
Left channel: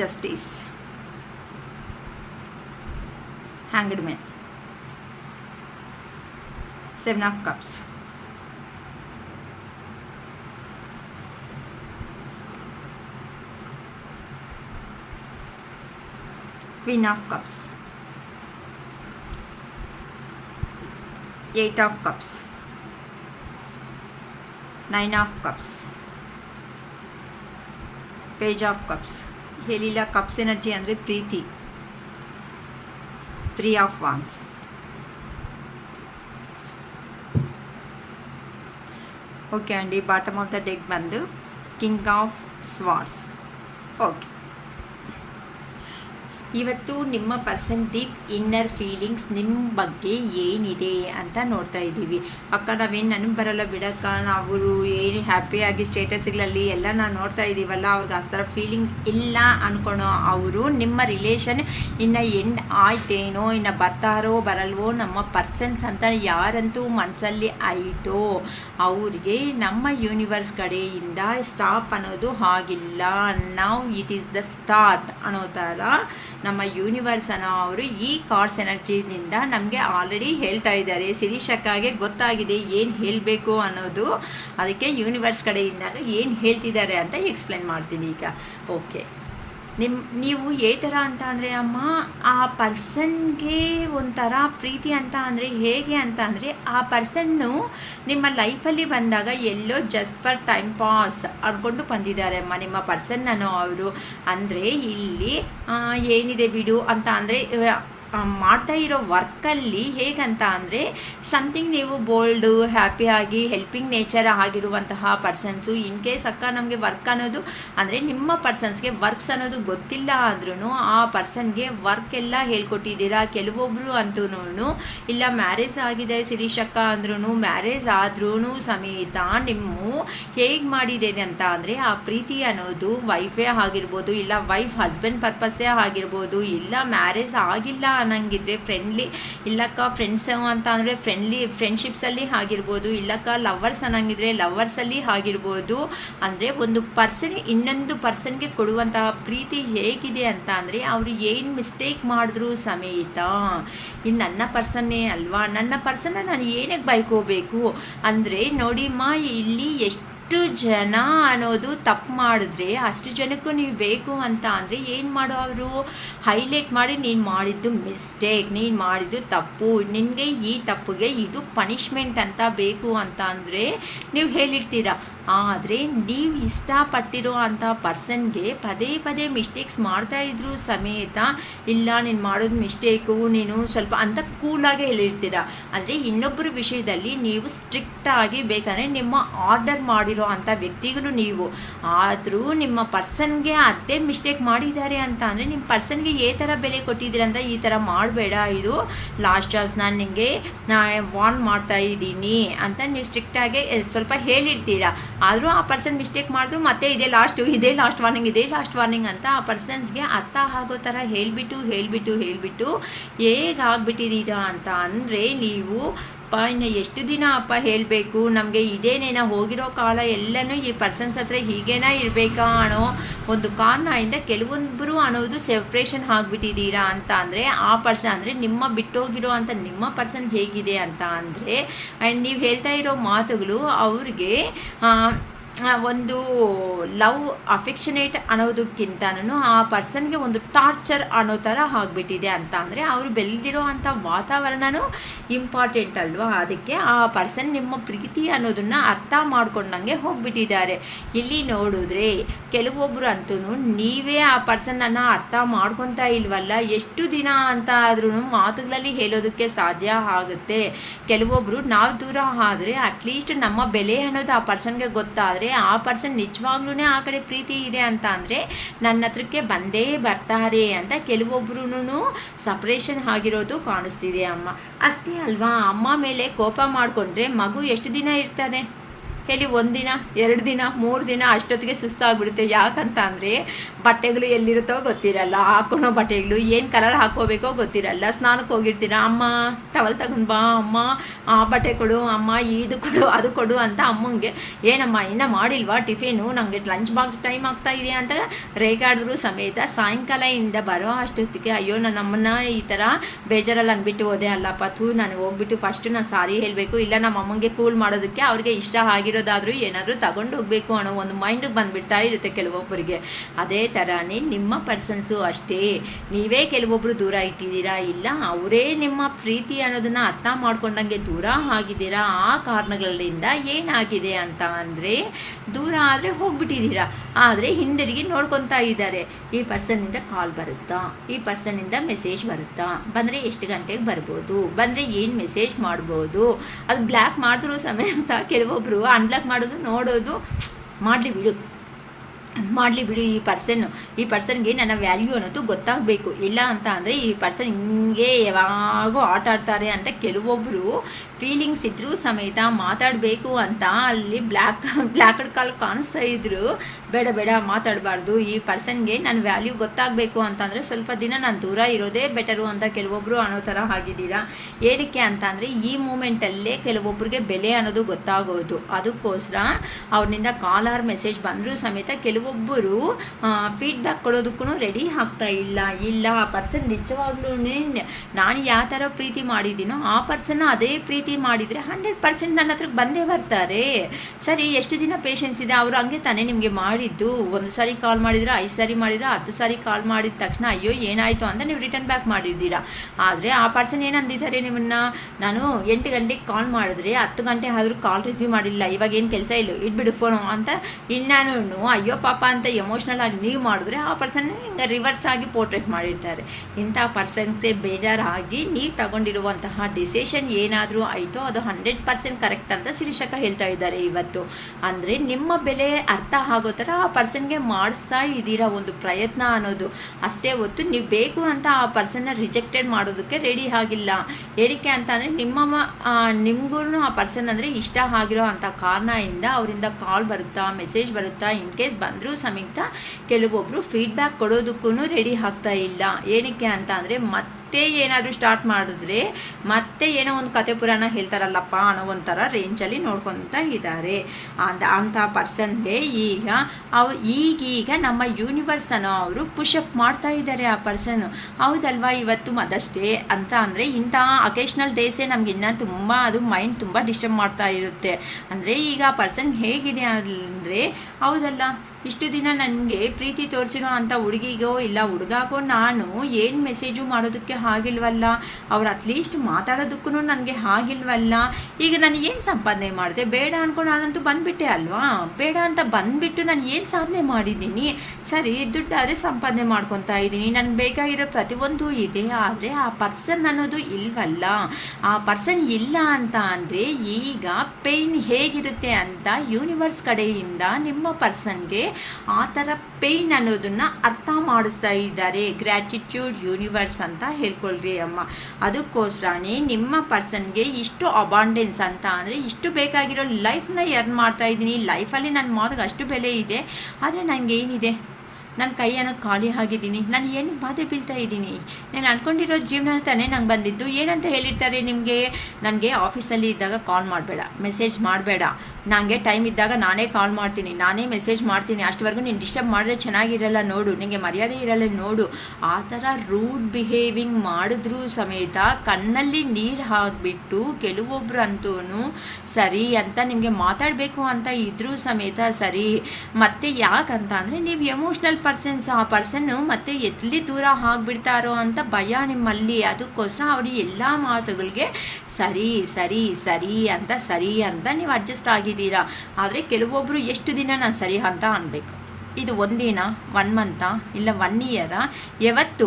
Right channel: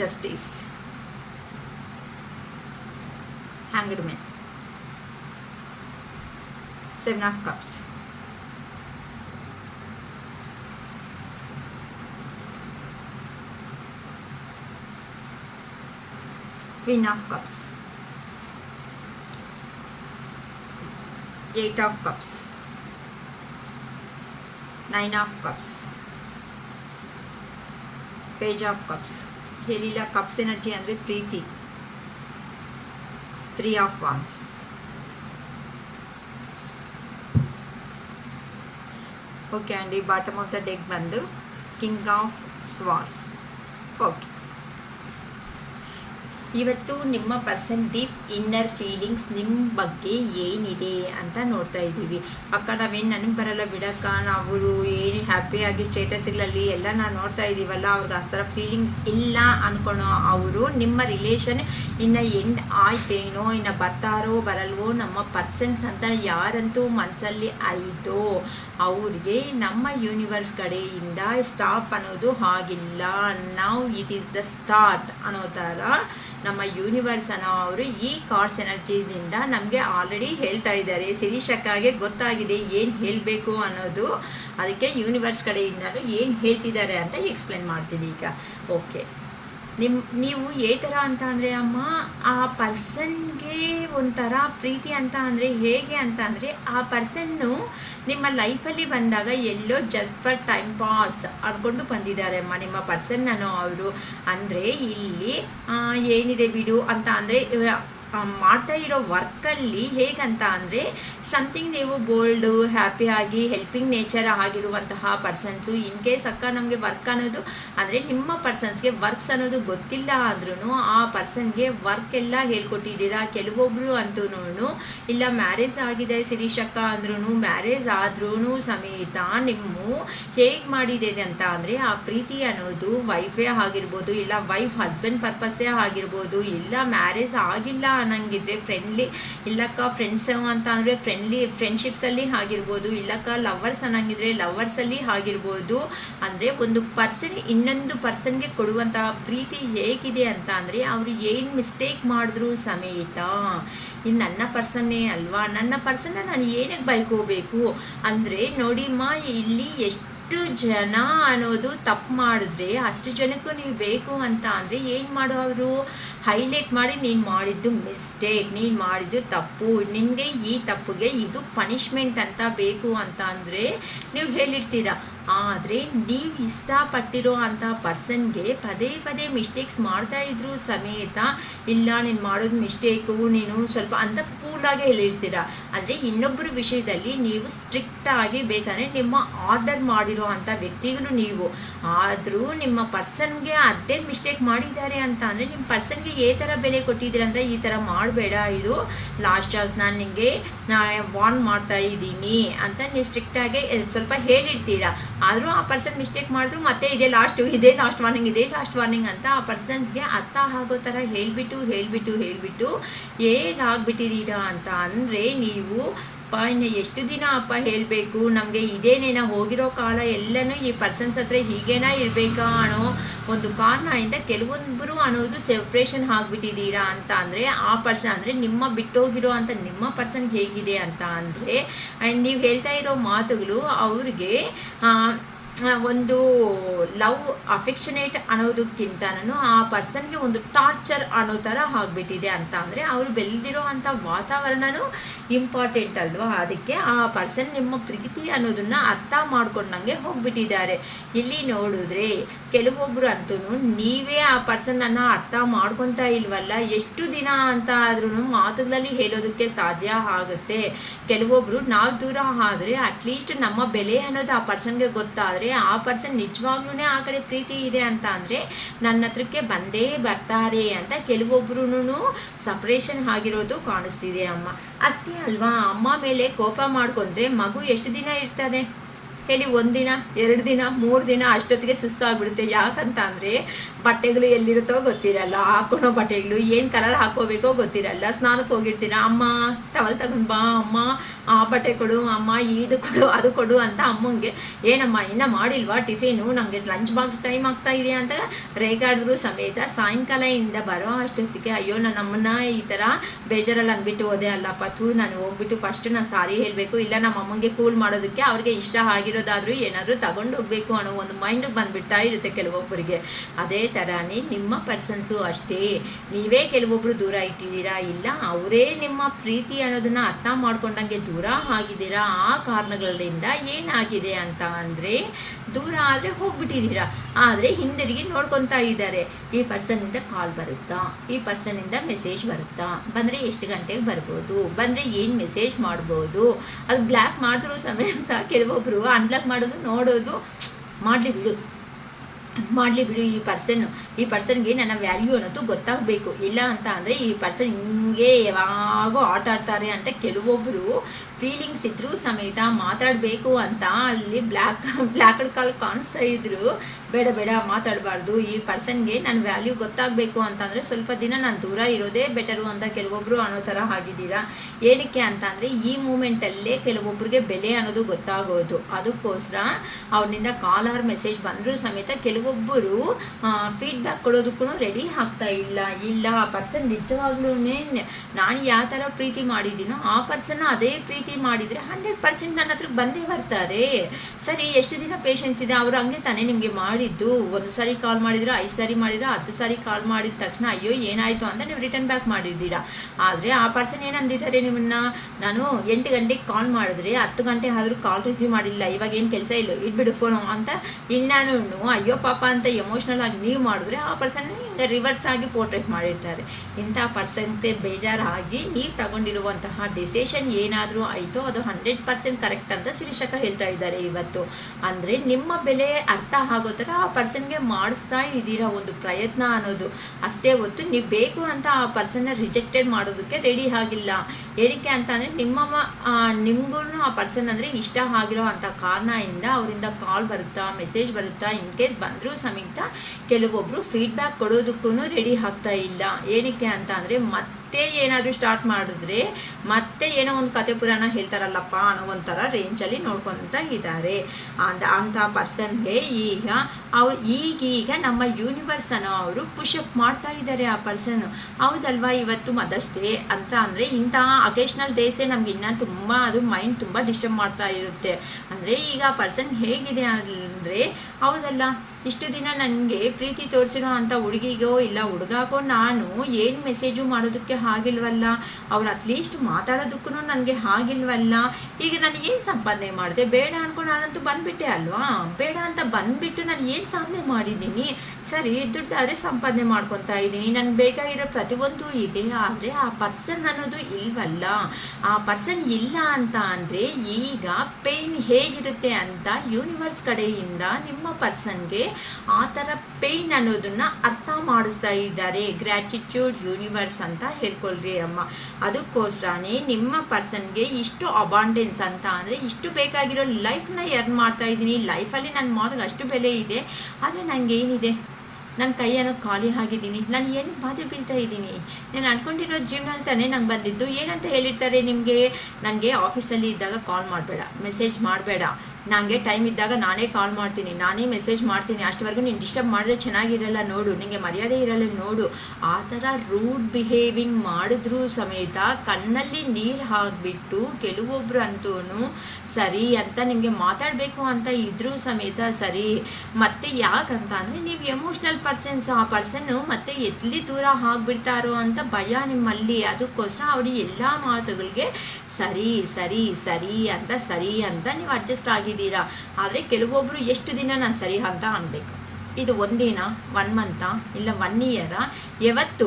Justice, Hanged Man, 7 of Cups, Queen of Cups, 8 of Cups, 9 of Cups, Page of Cups. ಹೇಳಿಲ್ಲ, ಕಪ್ಸ್ ಎನರ್ಜಿ ಅಂದರೆ ಪ್ರೀತಿ. 3 of Wands. ಓಕೆ ಅಂಡಿ, bottom of the deck ಬಂದು king of swords. Okay, ಇವತ್ತು ನಿಮ್ಮ person deep inner feelings ನಿಮ್ಮ ಬಗ್ಗೆ ಏನಿದೆ ಅಂತ ನೋಡ್ತಾ ಇದ್ದೀವಿ. ಅಕ್ಕ ನಾವೇನು ನನಗೆ ಬರಲ್ಲ ಬಿಡಕ್ಕ, ನಾವು ಏನು ಹ್ಯಾಪಿಯಾಗಿ ಸ್ಟೇಟಸ್ಗಳಲ್ಲಿ ಎಲ್ಲ ನಾವು ನೋಡ್ತಾ ಇದ್ದೀವಲ್ಲ, ಅವ್ರಿಗೆ ಆ ಥರ ಫೀಲಿಂಗ್ ಇಲ್ಲ ಅಂದ್ಕೊಳೋ ಅವರು ನಿಮ್ಮ ರಿಲೇಷನ್ ಇನ್ನು ಎಂಡ್ ಆಯ್ತೇನೋ, ಇನ್ನು ಬರ್ತಾರೋ ಬರಲ್ವೋ ನಮ್ಮ ಪರ್ಸನ್ಸ್ ಅಂತ ಯಾರಂತೂ ಮನಸ್ಸಲ್ಲಿ ಆಯಿತೋ ಅವ್ರಿಗೆ ನಮ್ಮ ಯೂನಿವರ್ಸ್ ಕಡೆಯಿಂದ ಸ್ಟಾಪ್ ಅನ್ನೋದು ಆಗಿಲ್ಲ. ನಾವು ಇಟ್ ಈಸ್ ದ ಸ್ಟಾರ್ಟ್ ಅನ್ನೋ ಥರ ನಮ್ಮ ಯೂನಿವರ್ಸ್ ಅನ್ನೋ ಅವರು ಈ ಕಾರ್ಡ್ಸ್ ಎನರ್ಜಿದಿಂದ ನಮಗೆ ಆಲ್ರೆಡಿ ಹೇಳ್ತಾ ಇದ್ದಾರೆ. ಶಿರೀಷಕ್ಕಾಗೆ ಗೊತ್ತಾಗಿದೆ ಏನು ಹೇಳಬೇಕು ಅನ್ನೋದು. ಅದಕ್ಕೆ ಯೂನಿವರ್ಸ್ ಕಡೆಯಿಂದಲೂ ಏನು ಹೇಳ್ತಿದ್ದಾರೆ ಅಂತ ಎಕ್ಸ್ಪ್ಲೇನ್ ಮಾಡ್ತೀನಿ ಈಗ. ಓಕೆ, ನೀವು ಏ ಥರ ಅಂತ ಅಂದರೆ ಅಮ್ಮ, ಆ ಪರ್ಸನ್ಗೆ ಒಂಥರ ಪ್ರೀತಿ ಅಂತ ಅಂದರೆ ಹೇಗೆ ಅಂತ ಅಂದರೆ, ಆ ಪರ್ಸನ್ನು ನಿಮ್ಮ ಲೈಫಲ್ಲಿ ಬಂದಾಗ ಎಲ್ಲೋ ಜಸ್ಟ್ ಫಾರ್ ಟೈಮ್ ಪಾಸ್ ಅಂದ್ಕೊಂಡು ಬಂದಿದ್ದಾರೆ ಅಮ್ಮ ನಿಮ್ಮ ಪರ್ಸನ್ ಅನ್ನೋ ಅವರು. ಅಂದರೆ ಇಲ್ಲಿ ಏನಿದೆ ಬಿಡು ಅಂತ ಅಂದರೆ ಮಾಡ್ತಾ ಇರೋ ವರ್ಕಲ್ಲಿ ಹೇಗಂತ ಅಂದರೆ ಸಮಥಿಂಗ್ ನೀವು ಬೋಲ್ಡು ಹ್ಯಾಪಿಯಾಗಿ ಹೆಲ್ಪಿಂಗ್ ನೇಚರ್ ಆಗಿರುವಂತಹ ಪರ್ಸನ್ಸು. ಇನ್ ಕೇಸ್ ಅಕ್ಕ ನಮಗೆ ವರ್ಕ್ ಅನ್ನೋದು ಅಂದರೆ ನಿಮ್ಮ ಪರ್ಸನ್ಸ್ಗೆ ವರ್ಕ್ಸ್ ಅನ್ನೋದು ಗೊತ್ತಿಲ್ಲ ಅಂದ್ರೂ ಆ ಪರ್ಸನ್ಗೆ ವರ್ಕ್ ಎಲ್ಲ ಹೇಳ್ಕೊಟ್ಟಿದ್ದೀರಾ. ಕೆಲವೊಬ್ರು ಅಂತೂ ಇಲ್ಲ ಮ್ಯಾರೇಜ್ ಆಗಿದೆ ಶಿರೀಷಕ್ಕ ಅಂದ್ರೂ ಮ್ಯಾರೇಜ್ ಆದ್ರೂ ಸಮೇತ ನಿಮ್ಮ ಹೇಗೆ ಮಾಡಿದೆ ಅಂತ ಅಂದರೆ ಆ ಪ್ರೀತಿ ಅನ್ನೋದು ವೈಫೇ ಆಗಿರ್ಬೋದು, ಇಲ್ಲ ವೈಫ್ ಹಸ್ಬೆಂಡ್ ಪರ್ಪಸ್ಸೇ ಆಗಿರ್ಬೋದು, ಇಲ್ಲ ಮ್ಯಾರೇಜ್ ಆಗಿಲ್ಲ ಅನ್ನಂಗಿದ್ರೆ ಫ್ರೆಂಡ್ಲಿ, ಇಲ್ಲಕ್ಕ ಫ್ರೆಂಡ್ಸ್ ಅಂತ ಅಂದರೆ ಫ್ರೆಂಡ್ಶಿಪ್ಸಲ್ಲಿ ಆಗಿರ್ಬೋದು, ಇಲ್ಲಕ್ಕ ಲವರ್ಸ್ ಅನ್ನಂಗಿದ್ರೆ ಲವರ್ಸಲ್ಲಿ ಆಗಿರ್ಬೋದು. ಅಂದರೆ ಒಂದು ಪರ್ಸನ್ ಇನ್ನೊಂದು ಪರ್ಸನ್ಗೆ ಕೊಡುವಂತಹ ಪ್ರೀತಿ ಹೇಗಿದೆ ಅಂತ ಅಂದರೆ ಅವರು ಏನು ಮಿಸ್ಟೇಕ್ ಮಾಡಿದ್ರು ಸಮೇತ ಇದು ನನ್ನ ಪರ್ಸನ್ನೇ ಅಲ್ವಾ, ನನ್ನ ಪರ್ಸನ್ನ ನಾನು ಏನಕ್ಕೆ ಬೈಕೋಬೇಕು ಅಂದರೆ ನೋಡಿಮ್ಮ, ಇಲ್ಲಿ ಎಷ್ಟು ಜನ ಅನ್ನೋದು ತಪ್ಪು ಮಾಡಿದ್ರೆ ಅಷ್ಟು ಜನಕ್ಕೂ ನೀವು ಬೇಕು ಅಂತ ಅಂದರೆ ಏನು ಮಾಡೋ ಅವರು ಹೈಲೈಟ್ ಮಾಡಿ ನೀನು ಮಾಡಿದ್ದು ಮಿಸ್ಟೇಕ್, ನೀನು ಮಾಡಿದ್ದು ತಪ್ಪು, ನಿನಗೆ ಈ ತಪ್ಪಿಗೆ ಇದು ಪನಿಷ್ಮೆಂಟ್ ಅಂತ ಬೇಕು ಅಂತ ಅಂದರೆ ನೀವು ಹೇಳಿರ್ತೀರ. ಆದರೆ ನೀವು ಇಷ್ಟಪಟ್ಟಿರೋ ಅಂಥ ಪರ್ಸನ್ಗೆ ಪದೇ ಪದೇ ಮಿಸ್ಟೇಕ್ಸ್ ಮಾಡ್ತಾ ಇದ್ರು ಸಮೇತ ಇಲ್ಲ ನೀನು ಮಾಡೋದು ಮಿಸ್ಟೇಕು ನೀನು ಸ್ವಲ್ಪ ಅಂತ ಕೂಲಾಗೆ ಹೇಳಿರ್ತೀರ. ಅಂದರೆ ಇನ್ನೊಬ್ಬರ ವಿಷಯದಲ್ಲಿ ನೀವು ಸ್ಟ್ರಿಕ್ಟಾಗಿ ಬೇಕಂದರೆ ನಿಮ್ಮ ಆರ್ಡರ್ ಮಾಡಿರೋ ಅಂಥ ವ್ಯಕ್ತಿಗಳು ನೀವು, ಆದರೂ ನಿಮ್ಮ ಪರ್ಸನ್ಗೆ ಅದೇ ಮಿಸ್ಟೇಕ್ ಮಾಡಿದ್ದಾರೆ ಅಂತ ಅಂದರೆ ನಿಮ್ಮ ಪರ್ಸನ್ಗೆ ಥರ ಬೆಲೆ ಕೊಟ್ಟಿದ್ದೀರ ಅಂತ ಈ ಥರ ಮಾಡಬೇಡ, ಇದು ಲಾಸ್ಟ್ ಚಾನ್ಸ್, ನಾನು ನಿಮಗೆ ವಾರ್ನ್ ಮಾಡ್ತಾ ಇದ್ದೀನಿ ಅಂತ ನೀವು ಸ್ಟ್ರಿಕ್ಟಾಗಿ ಸ್ವಲ್ಪ ಹೇಳಿರ್ತೀರಾ. ಆದರೂ ಆ ಪರ್ಸನ್ ಮಿಸ್ಟೇಕ್ ಮಾಡಿದ್ರು ಮತ್ತೆ ಇದೇ ಲಾಸ್ಟ್ ವಾರ್ನಿಂಗ್ ಅಂತ ಆ ಪರ್ಸನ್ಸ್ಗೆ ಅರ್ಥ ಆಗೋ ಥರ ಹೇಳಿಬಿಟ್ಟು ಹೇಗಾಗ್ಬಿಟ್ಟಿದ್ದೀರಾ ಅಂತ ಅಂದರೆ ನೀವು ಇನ್ನು ಎಷ್ಟು ದಿನ ಅಪ್ಪ ಹೇಳಬೇಕು, ನಮಗೆ ಇದೇನೇನೋ ಹೋಗಿರೋ ಕಾಲ ಎಲ್ಲನೂ ಈ ಪರ್ಸನ್ಸ್ ಹತ್ರ ಹೀಗೇನಾ ಇರಬೇಕಾ ಅನ್ನೋ ಒಂದು ಕಾರಣದಿಂದ ಕೆಲವೊಬ್ಬರು ಅನ್ನೋದು ಸೆಪ್ರೇಷನ್ ಆಗಿಬಿಟ್ಟಿದ್ದೀರಾ ಅಂತ ಅಂದರೆ ಆ ಪರ್ಸನ್ ಅಂದರೆ ನಿಮ್ಮ ಬಿಟ್ಟೋಗಿರೋ ಅಂತ ನಿಮ್ಮ ಪರ್ಸನ್ ಹೇಗಿದೆ ಅಂತ ಅಂದರೆ ನೀವು ಹೇಳ್ತಾ ಇರೋ ಮಾತುಗಳು ಅವ್ರಿಗೆ ಒಂದು ಲವ್ ಅಫೆಕ್ಷನೇಟ್ ಅನ್ನೋದಕ್ಕಿಂತನೂ ಆ ಪರ್ಸನ್ಗೆ ಒಂದು ಟಾರ್ಚರ್ ಅನ್ನೋ ಥರ ಆಗಿಬಿಟ್ಟಿದೆ ಅಂತ ಅಂದರೆ ಅವರು ಬೆಳೆದಿರೋ ಅಂಥ ವಾತಾವರಣನೂ ಇಂಪಾರ್ಟೆಂಟ್ ಅಲ್ವಾ. ಅದಕ್ಕೆ ಆ ಪರ್ಸನ್ ನಿಮ್ಮ ಪ್ರೀತಿ ಅನ್ನೋದನ್ನು ಅರ್ಥ ಮಾಡ್ಕೊಂಡಂಗೆ ಹೋಗ್ಬಿಟ್ಟಿದ್ದಾರೆ. ಇಲ್ಲಿ ನೋಡಿದ್ರೆ ಕೆಲವೊಬ್ರು ಅಂತೂ ನೀವೇ ಆ ಪರ್ಸನ್ನನ್ನು ಅರ್ಥ ಮಾಡ್ಕೊತಾ ಇಲ್ವಲ್ಲ, ಎಷ್ಟು ದಿನ ಅಂತ ಆದ್ರೂ ಮಾತುಗಳಲ್ಲಿ ಹೇಳೋದಕ್ಕೆ ಸಾಧ್ಯ ಆಗುತ್ತೆ. ಕೆಲವೊಬ್ರು ನಾವು ದೂರ ಆದರೆ ಅಟ್ಲೀಸ್ಟ್ ನಮ್ಮ ಬೆಲೆ ಅನ್ನೋದು ಆ ಪರ್ಸನ್ಗೆ ಗೊತ್ತಾದರೆ ಆ ಪರ್ಸನ್ ನಿಜವಾಗ್ಲೂ ಆ ಕಡೆ ಪ್ರೀತಿ ಇದೆ ಅಂತ ಅಂದರೆ ನನ್ನ ಹತ್ರಕ್ಕೆ ಬಂದೇ ಬರ್ತಾರೆ ಅಂತ ಕೆಲವೊಬ್ರು ಸಪ್ರೇಷನ್ ಆಗಿರೋದು ಕಾಣಿಸ್ತಿದೆ ಅಮ್ಮ. ಅಷ್ಟೇ ಅಲ್ವಾ, ಅಮ್ಮ ಮೇಲೆ ಕೋಪ ಮಾಡಿಕೊಂಡ್ರೆ ಮಗು ಎಷ್ಟು ದಿನ ಇರ್ತಾನೆ ಹೇಳಿ? 1 ದಿನ 2 ದಿನ 3 ದಿನ ಅಷ್ಟೊತ್ತಿಗೆ ಸುಸ್ತಾಗ್ಬಿಡುತ್ತೆ. ಯಾಕಂತ ಅಂದರೆ ಬಟ್ಟೆಗಳು ಎಲ್ಲಿರುತ್ತೋ ಗೊತ್ತಿರಲ್ಲ, ಹಾಕೊಳೋ ಬಟ್ಟೆಗಳು ಏನು ಕಲರ್ ಹಾಕೋಬೇಕೋ ಗೊತ್ತಿರಲ್ಲ. ಸ್ನಾನಕ್ಕೆ ಹೋಗಿರ್ತೀರ, ಅಮ್ಮ ಟವಲ್ ತಗೊಂಡು ಬಾ, ಅಮ್ಮ ಆ ಬಟ್ಟೆ ಕೊಡು, ಅಮ್ಮ ಇದು ಕೊಡು ಅದು ಕೊಡು ಅಂತ ಅಮ್ಮಂಗೆ ಏನಮ್ಮ ಇನ್ನೂ ಮಾಡಿಲ್ವಾ ಟಿಫಿನು, ನಮಗೆ ಲಂಚ್ ಬಾಕ್ಸ್ ಟೈಮ್ ಆಗ್ತಾ ಇದೆ ಅಂತ ರೇಗಾಡಿದ್ರು ಸಮೇತ ಸಾಯಂಕಾಲದಿಂದ ಬರೋ ಅಷ್ಟೊತ್ತಿಗೆ ಅಯ್ಯೋ ನನ್ನ ಅಮ್ಮನ ಈ ಥರ ಬೇಜಾರಲ್ಲಿ ಅಂದ್ಬಿಟ್ಟು ಹೋದೆ ಅಲ್ಲಪ್ಪ, ನಾನು ಹೋಗ್ಬಿಟ್ಟು ಫಸ್ಟ್ ನಾನು ಸಾರಿ ಹೇಳಬೇಕು, ಇಲ್ಲ ನಮ್ಮ ಅಮ್ಮಂಗೆ ಕೂಲ್ ಮಾಡೋದಕ್ಕೆ ಅವ್ರಿಗೆ ಇಷ್ಟ ಆಗಿರೋದಾದ್ರೂ ಏನಾದರೂ ತಗೊಂಡು ಹೋಗ್ಬೇಕು ಅನ್ನೋ ಒಂದು ಮೈಂಡಿಗೆ ಬಂದುಬಿಡ್ತಾ ಇರುತ್ತೆ ಕೆಲವೊಬ್ಬರಿಗೆ. ಅದೇ ಥರನೇ ನಿಮ್ಮ ಪರ್ಸನ್ಸು ಅಷ್ಟೇ, ನೀವೇ ಕೆಲವೊಬ್ಬರು ದೂರ ಇಟ್ಟಿದ್ದೀರಾ, ಇಲ್ಲ ಅವರೇ ನಿಮ್ಮ ಪ್ರೀತಿ ಅನ್ನೋದನ್ನ ಅರ್ಥ ಮಾಡ್ಕೊಂಡಂಗೆ ದೂರ ಆಗಿದ್ದೀರಾ. ಆ ಕಾರಣಗಳಿಂದ ಏನಾಗಿದೆ ಅಂತ ಅಂದರೆ ದೂರ ಆದರೆ ಹೋಗ್ಬಿಟ್ಟಿದ್ದೀರಾ, ಆದರೆ ಹಿಂದಿರುಗಿ ನೋಡ್ಕೊತಾ ಇದ್ದಾರೆ. ಈ ಪರ್ಸನ್ನಿಂದ ಕಾಲ್ ಬರುತ್ತಾ, ಈ ಪರ್ಸನ್ನಿಂದ ಮೆಸೇಜ್ ಬರುತ್ತಾ, ಬಂದರೆ ಎಷ್ಟು ಗಂಟೆಗೆ ಬರ್ಬೋದು, ಬಂದರೆ ಏನು ಮೆಸೇಜ್ ಮಾಡ್ಬೋದು, ಅದು ಬ್ಲ್ಯಾಕ್ ಮಾಡಿದ್ರು ಸಮೇತ ಕೆಲವೊಬ್ಬರು ಅನ್ಬ್ಲಾಕ್ ಮಾಡೋದು ನೋಡೋದು ಮಾಡಲಿ ಬಿಡು, ಈ ಪರ್ಸನ್ಗೆ ನನ್ನ ವ್ಯಾಲ್ಯೂ ಅನ್ನೋದು ಗೊತ್ತಾಗಬೇಕು, ಇಲ್ಲ ಅಂತ ಅಂದರೆ ಈ ಪರ್ಸನ್ ಹಿಂಗೆ ಯಾವಾಗೋ ಆಟ ಆಡ್ತಾರೆ ಅಂತ ಕೆಲವೊಬ್ಬರು ಫೀಲಿಂಗ್ಸ್ ಇದ್ರೂ ಸಮೇತ ಮಾತಾಡಬೇಕು ಅಂತ ಅಲ್ಲಿ ಬ್ಲ್ಯಾಕ್ ಕಾಲ್ ಕಾಣಿಸ್ತಾ ಇದ್ರು. ಬೇಡ ಮಾತಾಡಬಾರ್ದು, ಈ ಪರ್ಸನ್ಗೆ ನನ್ನ ವ್ಯಾಲ್ಯೂ ಗೊತ್ತಾಗಬೇಕು ಅಂತಂದರೆ ಸ್ವಲ್ಪ ದಿನ ನಾನು ದೂರ ಇರೋದೇ ಬೆಟರು ಅಂತ ಕೆಲವೊಬ್ಬರು ಅನ್ನೋ ಥರ ಆಗಿದ್ದೀರಾ. ಏನಕ್ಕೆ ಅಂತ ಅಂದರೆ ಈ ಮೂಮೆಂಟಲ್ಲೇ ಕೆಲವೊಬ್ಬರಿಗೆ ಬೆಲೆ ಅನ್ನೋದು ಗೊತ್ತಾಗೋದು. ಅದಕ್ಕೋಸ್ಕರ ಅವ್ರನಿಂದ ಕಾಲ್ ಆರ್ ಮೆಸೇಜ್ ಬಂದರೂ ಸಮೇತ ಕೆಲವೊಬ್ಬರು ಫೀಡ್ಬ್ಯಾಕ್ ಕೊಡೋದಕ್ಕೂ ರೆಡಿ ಆಗ್ತಾ ಇಲ್ಲ ಆ ಪರ್ಸನ್ ನಿಜವಾಗ್ಲೂ ನಾನು ಯಾವ ಥರ ಪ್ರೀತಿ ಮಾಡಿದ್ದೀನೋ ಆ ಪರ್ಸನ್ ಅದೇ ಪ್ರೀತಿ ಮಾಡಿದರೆ 100% ನನ್ನ ಹತ್ರಕ್ಕೆ ಬಂದೇ ಬರ್ತಾರೆ. ಸರಿ, ಎಷ್ಟು ದಿನ ಪೇಷನ್ಸ್ ಇದೆ, ಅವರು ಹಂಗೆ ತಾನೇ ನಿಮಗೆ ಮಾಡಿದ್ದು. 1 ಸಾರಿ ಕಾಲ್ ಮಾಡಿದ್ರೆ 5 ಸಾರಿ ಮಾಡಿದ್ರೆ 10 ಸಾರಿ ಕಾಲ್ ಮಾಡಿದ ತಕ್ಷಣ ಅಯ್ಯೋ ಏನಾಯಿತು ಅಂತ ನೀವು ರಿಟರ್ನ್ ಬ್ಯಾಕ್ ಮಾಡಿದ್ದೀರಾ. ಆದರೆ ಆ ಪರ್ಸನ್ ಏನಂದಿದ್ದಾರೆ ನಿಮ್ಮನ್ನ, ನಾನು 8 ಗಂಟೆಗೆ ಕಾಲ್ ಮಾಡಿದ್ರೆ 10 ಗಂಟೆ ಆದರೂ ಕಾಲ್ ರಿಸೀವ್ ಮಾಡಿಲ್ಲ, ಇವಾಗ ಏನು ಕೆಲಸ ಇಲ್ಲ ಇಟ್ಬಿಡು ಫೋನು ಅಂತ. ಇನ್ನಾನು ಅಯ್ಯೋ ಪಾಪ ಪಾಪ ಅಂತ ಎಮೋಷ್ನಲ್ ಆಗಿ ನೀವು ಮಾಡಿದ್ರೆ ಆ ಪರ್ಸನ್ ಹಿಂಗೆ ರಿವರ್ಸ್ ಆಗಿ ಪೋರ್ಟ್ರೇಟ್ ಮಾಡಿರ್ತಾರೆ. ಇಂಥ ಪರ್ಸನ್ಗೆ ಬೇಜಾರಾಗಿ ನೀವು ತಗೊಂಡಿರುವಂತಹ ಡಿಸಿಷನ್ ಏನಾದರೂ ಆಯಿತು ಅದು 100% ಕರೆಕ್ಟ್ ಅಂತ ಶಿರೀಷಕ ಹೇಳ್ತಾ ಇದ್ದಾರೆ ಇವತ್ತು. ಅಂದರೆ ನಿಮ್ಮ ಬೆಲೆ ಅರ್ಥ ಆಗೋ ಥರ ಆ ಪರ್ಸನ್ಗೆ ಮಾಡಿಸ್ತಾ ಇದ್ದೀರಾ ಒಂದು ಪ್ರಯತ್ನ ಅನ್ನೋದು ಅಷ್ಟೇ ಹೊತ್ತು ನೀವು ಬೇಕು ಅಂತ ಆ ಪರ್ಸನ್ನ ರಿಜೆಕ್ಟೆಡ್ ಮಾಡೋದಕ್ಕೆ ರೆಡಿ ಆಗಿಲ್ಲ. ಏನಕ್ಕೆ ಅಂತ ಅಂದರೆ ನಿಮಗೂ ಆ ಪರ್ಸನ್ ಅಂದರೆ ಇಷ್ಟ ಆಗಿರೋ ಅಂಥ ಕಾರಣದಿಂದ ಅವರಿಂದ ಕಾಲ್ ಬರುತ್ತಾ, ಮೆಸೇಜ್ ಬರುತ್ತಾ, ಇನ್ ಕೇಸ್ ಬಂದರೂ ಸಮೇತ ಕೆಲವೊಬ್ಬರು ಫೀಡ್ಬ್ಯಾಕ್ ಕೊಡೋದಕ್ಕೂ ರೆಡಿ ಆಗ್ತಾ ಇಲ್ಲ. ಏನಕ್ಕೆ ಅಂತ ಅಂದರೆ ಮತ್ತೆ ಏನಾದರೂ ಸ್ಟಾರ್ಟ್ ಮಾಡಿದ್ರೆ ಮತ್ತೆ ಏನೋ ಒಂದು ಕತೆ ಪುರಾಣ ಹೇಳ್ತಾರಲ್ಲಪ್ಪ ಅನ್ನೋ ಒಂಥರ ರೇಂಜಲ್ಲಿ ನೋಡ್ಕೊತ ಇದ್ದಾರೆ. ಅಂಥ ಪರ್ಸನ್ಗೆ ಈಗೀಗ ನಮ್ಮ ಯೂನಿವರ್ಸ್ ಅನ್ನೋ ಅವರು ಪುಷಪ್ ಮಾಡ್ತಾ ಇದ್ದಾರೆ ಆ ಪರ್ಸನ್. ಹೌದಲ್ವಾ, ಇವತ್ತು ಮದರ್ಸ್ ಡೇ ಅಂತ ಅಂದರೆ ಇಂಥ ಅಕೇಶ್ನಲ್ ಡೇಸೇ ನಮ್ಗೆ ಇನ್ನೂ ತುಂಬ ಅದು ಮೈಂಡ್ ತುಂಬ ಡಿಸ್ಟರ್ಬ್ ಮಾಡ್ತಾ ಇರುತ್ತೆ. ಅಂದರೆ ಈಗ ಆ ಪರ್ಸನ್ ಹೇಗಿದೆ ಅಂದರೆ, ಹೌದಲ್ಲ, ಇಷ್ಟು ದಿನ ನನಗೆ ಪ್ರೀತಿ ತೋರಿಸಿರೋ ಅಂಥ ಹುಡುಗಿಗೋ ಇಲ್ಲ ಹುಡುಗಾಗೋ ನಾನು ಏನು ಮೆಸೇಜು ಮಾಡೋದಕ್ಕೆ ಆಗಿಲ್ವಲ್ಲ, ಅವ್ರು ಅಟ್ಲೀಸ್ಟ್ ಮಾತಾಡೋದಕ್ಕೂ ನನಗೆ ಆಗಿಲ್ವಲ್ಲ, ಈಗ ನಾನು ಏನು ಸಂಪಾದನೆ ಮಾಡಿದೆ, ಬೇಡ ಅಂದ್ಕೊಂಡು ನಾನಂತೂ ಬಂದುಬಿಟ್ಟೆ ಅಲ್ವಾ, ಬೇಡ ಅಂತ ಬಂದುಬಿಟ್ಟು ನಾನು ಏನು ಸಾಧನೆ ಮಾಡಿದ್ದೀನಿ, ಸರಿ ದುಡ್ಡಾದರೆ ಸಂಪಾದನೆ ಮಾಡ್ಕೊತಾ ಇದ್ದೀನಿ, ನನಗೆ ಬೇಕಾಗಿರೋ ಪ್ರತಿಯೊಂದು ಇದೆ, ಆದರೆ ಆ ಪರ್ಸನ್ ಅನ್ನೋದು ಇಲ್ವಲ್ಲ. ಆ ಪರ್ಸನ್ ಇಲ್ಲ ಅಂತ ಅಂದರೆ ಈಗ ಪೇಯ್ನ್ ಹೇಗಿರುತ್ತೆ ಅಂತ ಯೂನಿವರ್ಸ್ ಕಡೆಯಿಂದ ನಿಮ್ಮ ಪರ್ಸನ್ಗೆ ಆ ಥರ ಪೇಯ್ನ್ ಅನ್ನೋದನ್ನ ಅರ್ಥ ಮಾಡಿಸ್ತಾ ಇದ್ದಾರೆ. ಗ್ರ್ಯಾಟಿಟ್ಯೂಡ್ ಯೂನಿವರ್ಸ್ ಅಂತ ಹೇಳ್ಕೊಳ್ರಿ ಅಮ್ಮ. ಅದಕ್ಕೋಸ್ಕರನೇ ನಿಮ್ಮ ಪರ್ಸನ್ಗೆ ಇಷ್ಟು ಅಬಾಂಡೆನ್ಸ್ ಅಂತ ಅಂದರೆ ಇಷ್ಟು ಬೇಕಾಗಿರೋ ಲೈಫ್ನ ಎರ್ನ್ ಮಾಡ್ತಾ ಇದ್ದೀನಿ, ಲೈಫಲ್ಲಿ ನನ್ನ ಮಾತಿಗೆ ಅಷ್ಟು ಬೆಲೆ ಇದೆ, ಆದರೆ ನನಗೇನಿದೆ, ನನ್ನ ಕೈ ಅನ್ನೋದು ಖಾಲಿ ಆಗಿದ್ದೀನಿ, ನಾನು ಏನು ಬಾಧೆ ಬೀಳ್ತಾ ಇದ್ದೀನಿ, ನಾನು ಅಂದ್ಕೊಂಡಿರೋ ಜೀವನ ತಾನೇ ನಂಗೆ ಬಂದಿದ್ದು. ಏನಂತ ಹೇಳಿರ್ತಾರೆ ನಿಮಗೆ, ನನಗೆ ಆಫೀಸಲ್ಲಿ ಇದ್ದಾಗ ಕಾಲ್ ಮಾಡಬೇಡ, ಮೆಸೇಜ್ ಮಾಡಬೇಡ, ನನಗೆ ಟೈಮ್ ಇದ್ದಾಗ ನಾನೇ ಕಾಲ್ ಮಾಡ್ತೀನಿ, ನಾನೇ ಮೆಸೇಜ್ ಮಾಡ್ತೀನಿ, ಅಷ್ಟವರೆಗೂ ನೀನು ಡಿಸ್ಟರ್ಬ್ ಮಾಡಿದ್ರೆ ಚೆನ್ನಾಗಿರಲ್ಲ ನೋಡು, ನಿನಗೆ ಮರ್ಯಾದೆ ಇರಲ್ಲ ನೋಡು. ಆ ಥರ ರೂಡ್ ಬಿಹೇವಿಂಗ್ ಮಾಡಿದ್ರೂ ಸಮೇತ ಕಣ್ಣಲ್ಲಿ ನೀರು ಹಾಕಿಬಿಟ್ಟು ಕೆಲವೊಬ್ರು ಅಂತೂ ಸರಿ ಅಂತ ನಿಮಗೆ ಮಾತಾಡಬೇಕು ಅಂತ ಇದ್ರೂ ಸಮೇತ ಸರಿ. ಮತ್ತೆ ಯಾಕಂತ ಅಂದರೆ ನೀವು ಎಮೋಷ್ನಲ್ ಪರ್ಸನ್ಸ್, ಆ ಪರ್ಸನ್ನು ಮತ್ತೆ ಎಲ್ಲಿ ದೂರ ಆಗಿಬಿಡ್ತಾರೋ ಅಂತ ಭಯ ನಿಮ್ಮಲ್ಲಿ. ಅದಕ್ಕೋಸ್ಕರ ಅವರು ಎಲ್ಲ ಮಾತುಗಳಿಗೆ ಸರಿ ಸರಿ ಸರಿ ಅಂತ ನೀವು ಅಡ್ಜಸ್ಟ್ ಆಗಿದ್ದೀರಾ. ಆದರೆ ಕೆಲವೊಬ್ಬರು ಎಷ್ಟು ದಿನ ನಾನು ಸರಿ ಅಂತ ಅನ್ಬೇಕು, ಇದು ಒಂದಿನ 1 ಮಂತಾ ಇಲ್ಲ 1 ಇಯರಾ, ಯಾವತ್ತು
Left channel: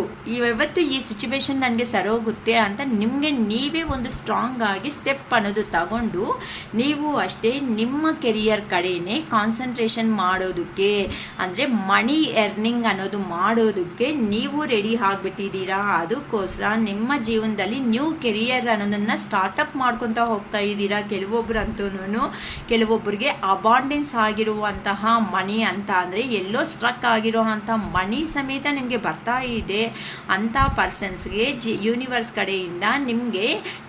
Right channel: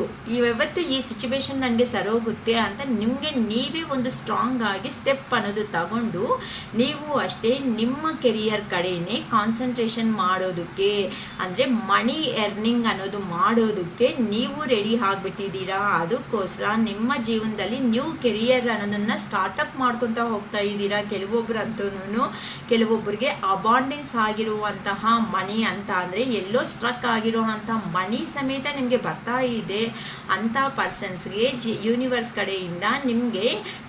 ಈ ಸಿಚುವೇಶನ್ ನನಗೆ ಸರೋಗುತ್ತೆ ಅಂತ ನಿಮಗೆ ನೀವೇ ಒಂದು ಸ್ಟ್ರಾಂಗ್ ಆಗಿ ಸ್ಟೆಪ್ ಅನ್ನೋದು ತಗೊಂಡು ನೀವು ಅಷ್ಟೇ ನಿಮ್ಮ ಕೆರಿಯರ್ ಕಡೆಯೇ ಕಾನ್ಸಂಟ್ರೇಷನ್ ಮಾಡೋದಕ್ಕೆ, ಅಂದರೆ ಮನಿ ಎರ್ನಿಂಗ್ ಅನ್ನೋದು ಮಾಡೋದಕ್ಕೆ ನೀವು ರೆಡಿ ಆಗಿಬಿಟ್ಟಿದ್ದೀರಾ. ಅದಕ್ಕೋಸ್ಕರ ನಿಮ್ಮ ಜೀವನದಲ್ಲಿ ನ್ಯೂ ಕೆರಿಯರ್ ಅನ್ನೋದನ್ನು ಸ್ಟಾರ್ಟಪ್ ಮಾಡ್ಕೊತಾ ಹೋಗ್ತಾ ಇದ್ದೀರಾ. ಕೆಲವೊಬ್ಬರಿಗೆ ಅಬಾಂಡೆನ್ಸ್ ಆಗಿರುವಂತಹ ಮನಿ ಅಂತ ಅಂದರೆ ಎಲ್ಲೋ ಸ್ಟ್ರಕ್ ಆಗಿರೋ ಅಂಥ ಮನಿ ಸಮೇತ ನಿಮಗೆ ಬರ್ತಾ ಇದೆ. ಅಂಥ ಪರ್ಸನ್ಸ್ಗೆ ಯೂನಿವರ್ಸ್ ಕಡೆಯಿಂದ ನಿಮಗೆ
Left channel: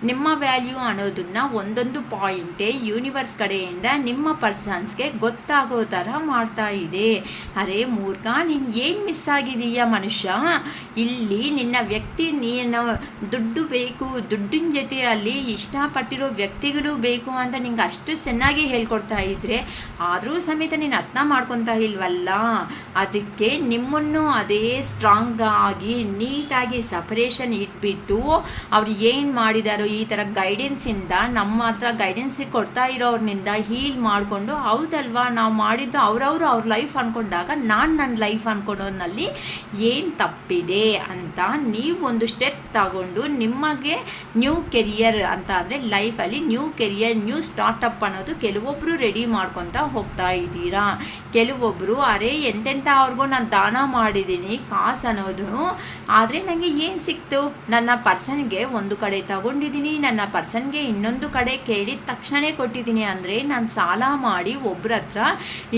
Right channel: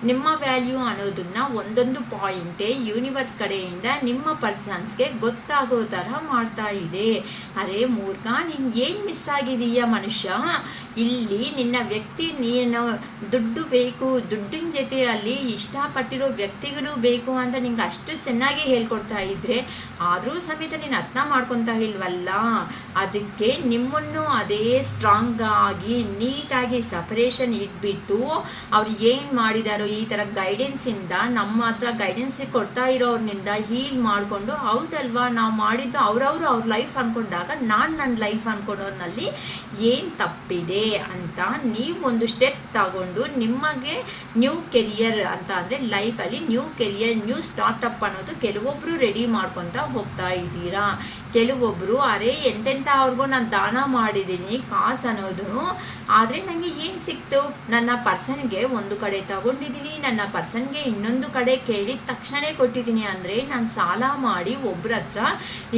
ನಿಮ್ಮ ವ್ಯಾಲ್ಯೂ ಅನ್ನೋದನ್ನ ಒಂದೊಂದು ಪಾಯಿಂಟೇ ಯೂನಿವರ್ಸ್ ಕಡೆಯಿಂದ ನಿಮ್ಮ ಪರ್ಸನ್ಸ್ಗೆ ಗೊತ್ತಾಗೋ ಥರ ಮಾಡ್ತಾ ಇದೆ. ಅರೆ ಮೂರ್ಖ, ನೀನು ಏನು ಮಿಸ್ ಆಗಿದೀಯಾ ಮನುಷ್ಯ, ಇಲ್ಲಿ ನಿನ್ನ ವ್ಯಕ್ತಿ, ನೀನು ದುಡ್ಡು ಬೇಕು, ದುಡ್ಡಿನ ಜೊತೆಯಲ್ಲಿ ಇಷ್ಟಪಟ್ಟಿರೋ ವ್ಯಕ್ತಿಗಳು ಬೇಕು ಅಂತ ನಿಂಗೆ ಅಷ್ಟು ಚೆನ್ನಾಗಿ ಹೇಳ್ಕೊಡ್ತಾ ಇದ್ರೆ ಆದರೂ ಸಮೇತ ನೀನು ಅರ್ಥ ಮಾಡ್ಕೊತಾ ಇಲ್ವಲ್ಲ. ಅದಕ್ಕೆ ನಿಮ್ಮನ್ನು ಅದೇ ಸ್ಟ್ರಾಂಗ್ ಆಗಿ ನೀಟಾಗಿ ಸಪರೇಷನ್ ಇಟ್ಬಿಟ್ಟು ಅವ್ರು ಏನು ಮಾಡಿದಾರೋ ಈ ಥರ ಗೈಡೆನ್ಸಿಂದ ನಮ್ಮ ಹತ್ರ ಗೈಡೆನ್ಸ್ ಕೊಡ್ತಾ ಇರೋರ್ನಿಂದ ಹೀಲ್ ಮಾಡಿಕೊಂಡು, ಹೌದಲ್ವಾ ನಾವು ಮಾಡಿದ್ದು ಅವ್ರ ಲೈಫ್ ಅಂದ್ಕೊಂಡಾಗ ನಾನು ನನ್ನ ಲೈಫ್ ಅಂದ್ಕೊಳೋದ್ರಲ್ಲಿ ಏನು ತಪ್ಪಿದೆ ಅಂತ ನೀವು ಒಂದು ಸ್ಟೆಪ್ ತಗೊಂಡು ನಿಮಗೆ ನ್ಯೂ ಕೆರಿಯರ್ ಅಂತ ಅಂದರೆ ಲೈಫಲ್ಲಿ ನ್ಯೂ ಕೆರಿಯರ್, ನ್ಯೂ ಸ್ಟಾರ್ಟಪ್ ಅನ್ನೋದು ಕೆಲವೊಬ್ಬರು ರೆಡಿ ಮಾಡ್ಕೊತಾ ಹೋಗ್ತಾ ಇದ್ದೀರಾ. ಕೆಲವೊಬ್ಬರು ಅರೆ ಎಂತೆಂಥ ಅವ್ರಿಗೂ ನಾನು ದಾನ ಮಾಡಿದ್ದೀನಿ ಕಾಸು ಅನ್ನೋದು, ಆದರೆ ನನಗೆ ಏನು ಸಿಕ್ತು, ನನ್ನ ಪರ್ಸನ್ಗೆ ಒಂದು ಕಡೆ ತಗೊಂಡಿದ್ದೀನಿ, ನನ್ನ ಪರ್ಸನ್ಗೆ ಇನ್ನೊಂದು ಕಡೆ ಕೇಳಿದ ತಕ್ಷಣ ಕೊಟ್ಟಿದ್ದೀನಿ. ಅಂದರೆ ನಾನು ಸಾಲ ಮಾಡಿ ಒಬ್ಬರ ಹತ್ರ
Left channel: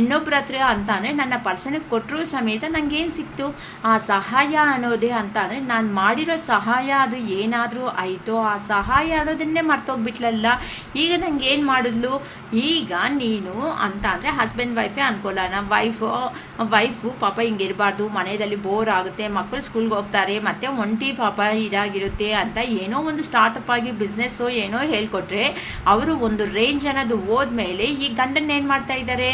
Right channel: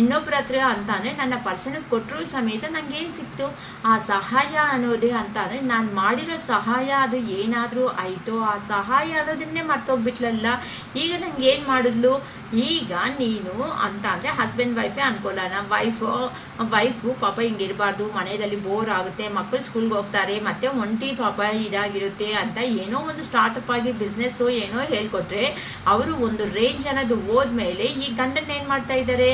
ಇನ್ನೊಬ್ಬರ ಹತ್ರ ಅಂತ ಅಂದರೆ ನನ್ನ ಪರ್ಸನ್ಗೆ ಕೊಟ್ಟರು ಸಮೇತ ನನಗೇನು ಸಿಕ್ತು, ಆ ಸಹಾಯ ಅನ್ನೋದೇ ಅಂತ ಅಂದರೆ ನಾನು ಮಾಡಿರೋ ಸಹಾಯ ಅದು ಏನಾದರೂ ಆಯಿತೋ ಆ ಸಹಾಯ ಅನ್ನೋದನ್ನೇ ಮರ್ತೋಗ್ಬಿಟ್ಲಲ್ಲ. ಈಗ ನಂಗೆ ಏನು ಮಾಡಿದ್ಲು, ಈಗ ನೀನು ಅಂತ ಅಂದರೆ ಹಸ್ಬೆಂಡ್ ವೈಫೇ ಅನ್ಕೊಳ್ಳೋಣ, ವೈಫು ಪಾಪ ಹಿಂಗಿರಬಾರ್ದು, ಮನೆಯಲ್ಲಿ ಬೋರ್ ಆಗುತ್ತೆ, ಮಕ್ಕಳು ಸ್ಕೂಲ್ಗೆ ಹೋಗ್ತಾರೆ, ಮತ್ತೆ ಒಂಟಿ ಪಾಪ ಇದಾಗಿರುತ್ತೆ ಅಂತ ಏನೋ ಒಂದು ಸ್ಟಾರ್ಟಪ್ ಆಗಿ ಬಿಸ್ನೆಸ್ಸು ಏನೋ ಹೇಳ್ಕೊಟ್ರೆ ಅವರು ಒಂದು ರೇಂಜ್ ಅನ್ನೋದು ಹೋದ್ಮೇಲೆ ಈ ಗಂಡನ್ನ ಏನು ಮಾಡ್ತಾ ಇದ್ದಾರೆ,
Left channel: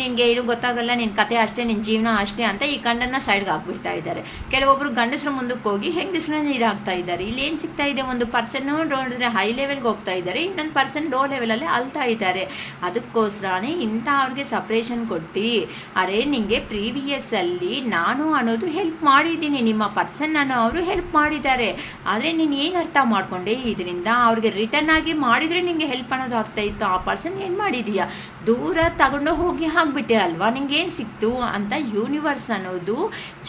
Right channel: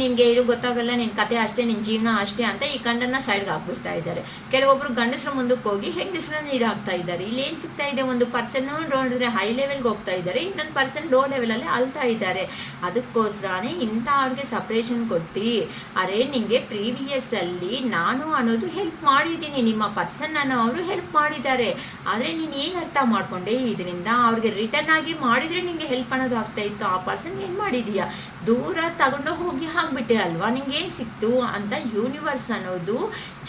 ನಿನಗೆ ಇದು ಗೊತ್ತಾಗಲ್ಲ, ನಿನ್ನ ಕತೆ ಅಷ್ಟೇ, ನಿನ್ನ ಜೀವನ ಅಷ್ಟೇ ಅಂತ ಈ ಗಂಡನ್ನ ಸೈಡ್ಗೆ ಹಾಕ್ಬಿಡ್ತಾ ಇದ್ದಾರೆ. ಕೆಲವೊಬ್ರು ಗಂಡಸರು ಮುಂದಕ್ಕೆ ಹೋಗಿ ಹೆಂಗಸರನ್ನ ಇದಾಗ್ತಾ ಇದ್ದಾರೆ. ಇಲ್ಲಿ ಏನು ಸಿಗ್ತಾ ಇದೆ, ಒಂದು ಪರ್ಸನ್ ನೋಡಿದ್ರೆ ಹೈ ಲೆವೆಲ್ಗೆ ಹೋಗ್ತಾ ಇದ್ದಾರೆ, ಇನ್ನೊಂದು ಪರ್ಸನ್ ಲೋ ಲೆವೆಲಲ್ಲಿ ಅಲ್ತಾ ಇದ್ದಾರೆ. ಅದಕ್ಕೋಸ್ಕರನೇ ಇಂಥ ಅವ್ರಿಗೆ ಸಪ್ರೇಷನ್ ಕೊಟ್ಟು ಅರೆ ನಿಮಗೆ ಪ್ರೀವಿಯಸ್ ಅಲ್ಲಿ ನಾನು ಅನ್ನೋದು ಹೆಲ್ಪ್ ಮಾಡಿದ್ದೀನಿ, ನಿಮ್ಮ ಪರ್ಸನ್ ಅನ್ನೋರು ಹೆಲ್ಪ್ ಮಾಡಿದ್ದಾರೆ. ಆದರೆ ನೀನು ಏನು ಅರ್ಥ ಮಾಡ್ಕೊಂಡೆ ಇದರಿಂದ? ಅವ್ರಿಗೆ ರಿಟರ್ನ್ ಆಗಿ ಮಾಡಿದರೆ ನಿಂಗೆ ಹೆಲ್ಪ್ ಅನ್ನೋದು ಆಗ್ತಾ ಇತ್ತು. ಆ ಪರ್ಸನ್ ಏನು ಮಾಡಿದೀಯಾ? ದೂರ ತಗೊಂಡು ಹೋಗಿ ಹಾಕ್ಬಿಟ್ಟೆ ಅಲ್ವಾ? ನಿಂಗೆ ಏನು ಸಿಕ್ತು ಅಂತ ಯೂನಿವರ್ಸ್ ಅನ್ನೋದು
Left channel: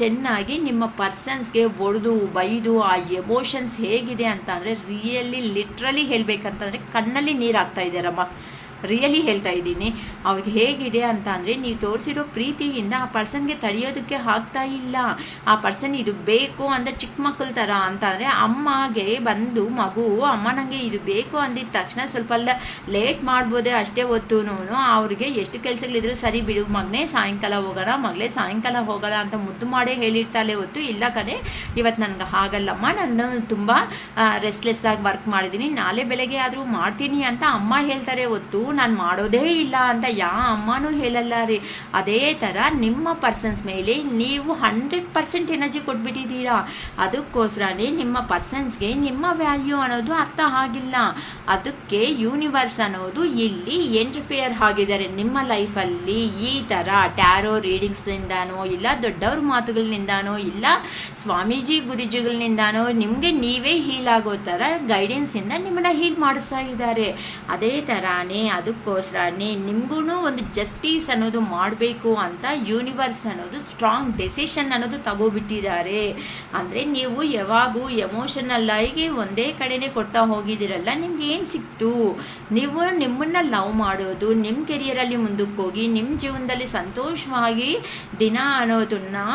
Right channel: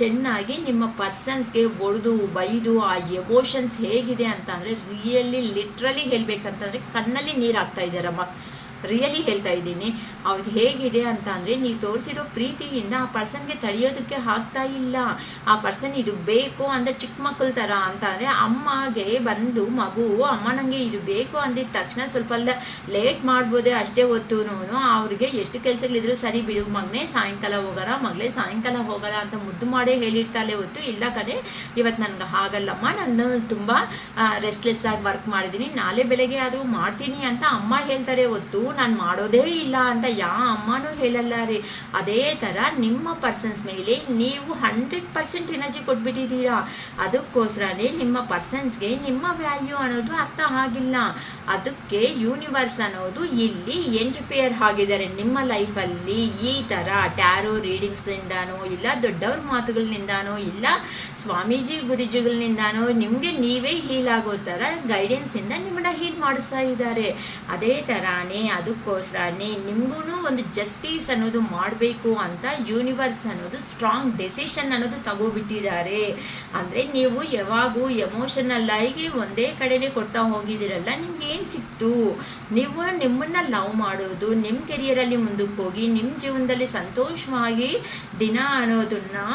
ಚೆನ್ನಾಗಿ ನಿಮ್ಮ ಪರ್ಸನ್ಸ್ಗೆ ಒಡೆದು ಬೈದು ಆ ಎಮೋಷನ್ಸ್ ಹೇಗಿದೆ ಅಂತ ಅಂದರೆ ರಿಯಲಿ ಲಿಟ್ರಲಿ ಹೇಳ್ಬೇಕಂತಂದರೆ ಕಣ್ಣಲ್ಲಿ ನೀರು ಹಾಕ್ತಾ ಇದ್ದಾರಮ್ಮ. ರಿಯಲಿ ಹೇಳ್ತಾ ಇದ್ದೀನಿ. ಅವ್ರಿಗೆ ಹೇಗಿದೆ ಅಂತ ಅಂದರೆ ನೀವು ತೋರಿಸಿರೋ ಪ್ರೀತಿಯಿಂದ ಆ ಪರ್ಸನ್ಗೆ ತಡೆಯೋದಕ್ಕೆ ಆಗ್ತಾ ಇಲ್ಲ. ಆ ಪರ್ಸನ್ ಇದು ಬೇಕು ಅಂತ ಚಿಕ್ಕ ಮಕ್ಕಳ ಥರ ಅಂತ ಅಂದರೆ ಅಮ್ಮಗೆ ಬಂದು ಮಗು ಅಮ್ಮ ನನಗೆ ಇದು ಬೇಕು ಅಂದಿದ ತಕ್ಷಣ ಸ್ವಲ್ಪ ಲೇಟ್ ಮಾಡ್ಬೋದೇ ಅಷ್ಟೇ ಹೊತ್ತು ಅವ್ರಿಗೆ ಎಷ್ಟು ಕೆಲಸಗಳಿದ್ರು ಸರಿ ಬಿಡು ಮಗನೇ ಸಾಯಂಕಾಲ ಹೋಗೋಣ, ಮಗಳೇ ಸಾಯಂಕಾಲ ಹೋಗೋಣ ಅಂತ ಮುದ್ದು ಮಾಡೇ ಹೇಳಿರ್ತಾಳೆ ಹೊತ್ತು ಇಲ್ಲ ಕಣೆ ಇವತ್ತು ನನಗೆ ಹಾಗಲ್ಲಮ್ಮ, ನಾನು ತುಂಬ ರೆಸ್ಟ್ಲೆಸ್ ಆಗಿ ವರ್ಕ್ ಮಾಡಿದ್ದೀನಿ, ನಾಳೆ ಬೆಳಗ್ಗೆ ಆದರೂ ಮಾಡ್ತೀನಿ ಅಂತ ಅಮ್ಮ ಹೇಳ್ತಾರೆ ಹೊತ್ತು ನಾನು ಮಾಡೋದೇ ಇಲ್ಲ ಅಂತ ಅಮ್ಮನೂ ಹೇಳಲ್ಲ ರೀ. ಅದೇ ಥರ ನಿಮ್ಮ ಪರ್ಸನ್ಸ್ ಮೇಲೆ ನೀವು 100% ಎನರ್ಜಿ ಕೊಟ್ಬಿಟ್ಟಿದ್ದೀರಾ. ಅದಕ್ಕೋಸ್ಕರನೇ ನಿಮ್ಮ ಪರ್ಸನ್ಸ್ಗೆ ನಿಮ್ಮ ವ್ಯಾಲ್ಯೂ ಅನ್ನೋದು ಅರ್ಥ ಆಗಿಲ್ಲ. ಅದಕ್ಕೆ ಯೂನಿವರ್ಸ್ ಅನ್ನೋದು ಇಲ್ಲಿ ಎಂಟರ್ಫಿಯರ್ ಆಗಿದ್ದಾರೆ ನಿಮ್ಮ ಲೈಫಲ್ಲಿ. ಈ ಥರ ಟ್ಯಾರೋ ರೀಡಿಂಗ್ಸ್ನಿಂದಾನೋ ಇಲ್ಲ ದೊಡ್ಡವ್ರ ಮಾತುಗಳಿಂದಾನೋ ಇಲ್ಲ ಸ್ವಾಮೀಜಿ ಗುರುಜಿಗಳಿಂದಾನೋ ನಿಮಗೆ ನೀವೇ ಹೀಲ್ ಆಗೋ ಥರ ಗೈಡೆನ್ಸಿಂದ ನಿಮ್ಮನ್ನ ಹೀಲ್ ಮಾಡಿಸ್ತಾ ಇದ್ದಾರೆ. ಅದೇ ಥರನೇ ಅದಕ್ಕೋಸ್ಕರನೇ ನಿಮಗೂ ಒಂದು ಜಸ್ಟಿಸ್ ಅನ್ನೋದು ಮಾಡಬೇಕು ಅಂತ ಯೂನಿವರ್ಸ್ ಅನ್ನೋದು ಸ್ಟ್ರಾಂಗ್ ಡೆಸಿಷನ್ ಅನ್ನೋದು ತಗೋಬಿಟ್ಟಿದ್ದಾರೆ. ಅಂದರೆ ನೀವು ಯಾವಾಗೂ ಎಮೋಷನಲ್ ಆಗಿ ಒಂದೇ ಕಡೆನೇ ಕೊಡ್ತಾ ಹೋಗಿದ್ದೀರಲ್ಲ, ನಿಮ್ಗೆ ಏನು ಸಿಕ್ತು? ನೀವು ನಿಮ್ಮನ್ನು ಲವ್ ಮಾಡೋದು, ನಿಮ್ಮ ಕೆರಿಯರಲ್ಲಿ ಮುಂದಕ್ಕೆ ಹೋಗಿ ನಿಮ್ಮ ಜೀವನದಲ್ಲಿ ಸಂತೋಷವಾಗಿ ದಿನ ಅನ್ನೋದನ್ನು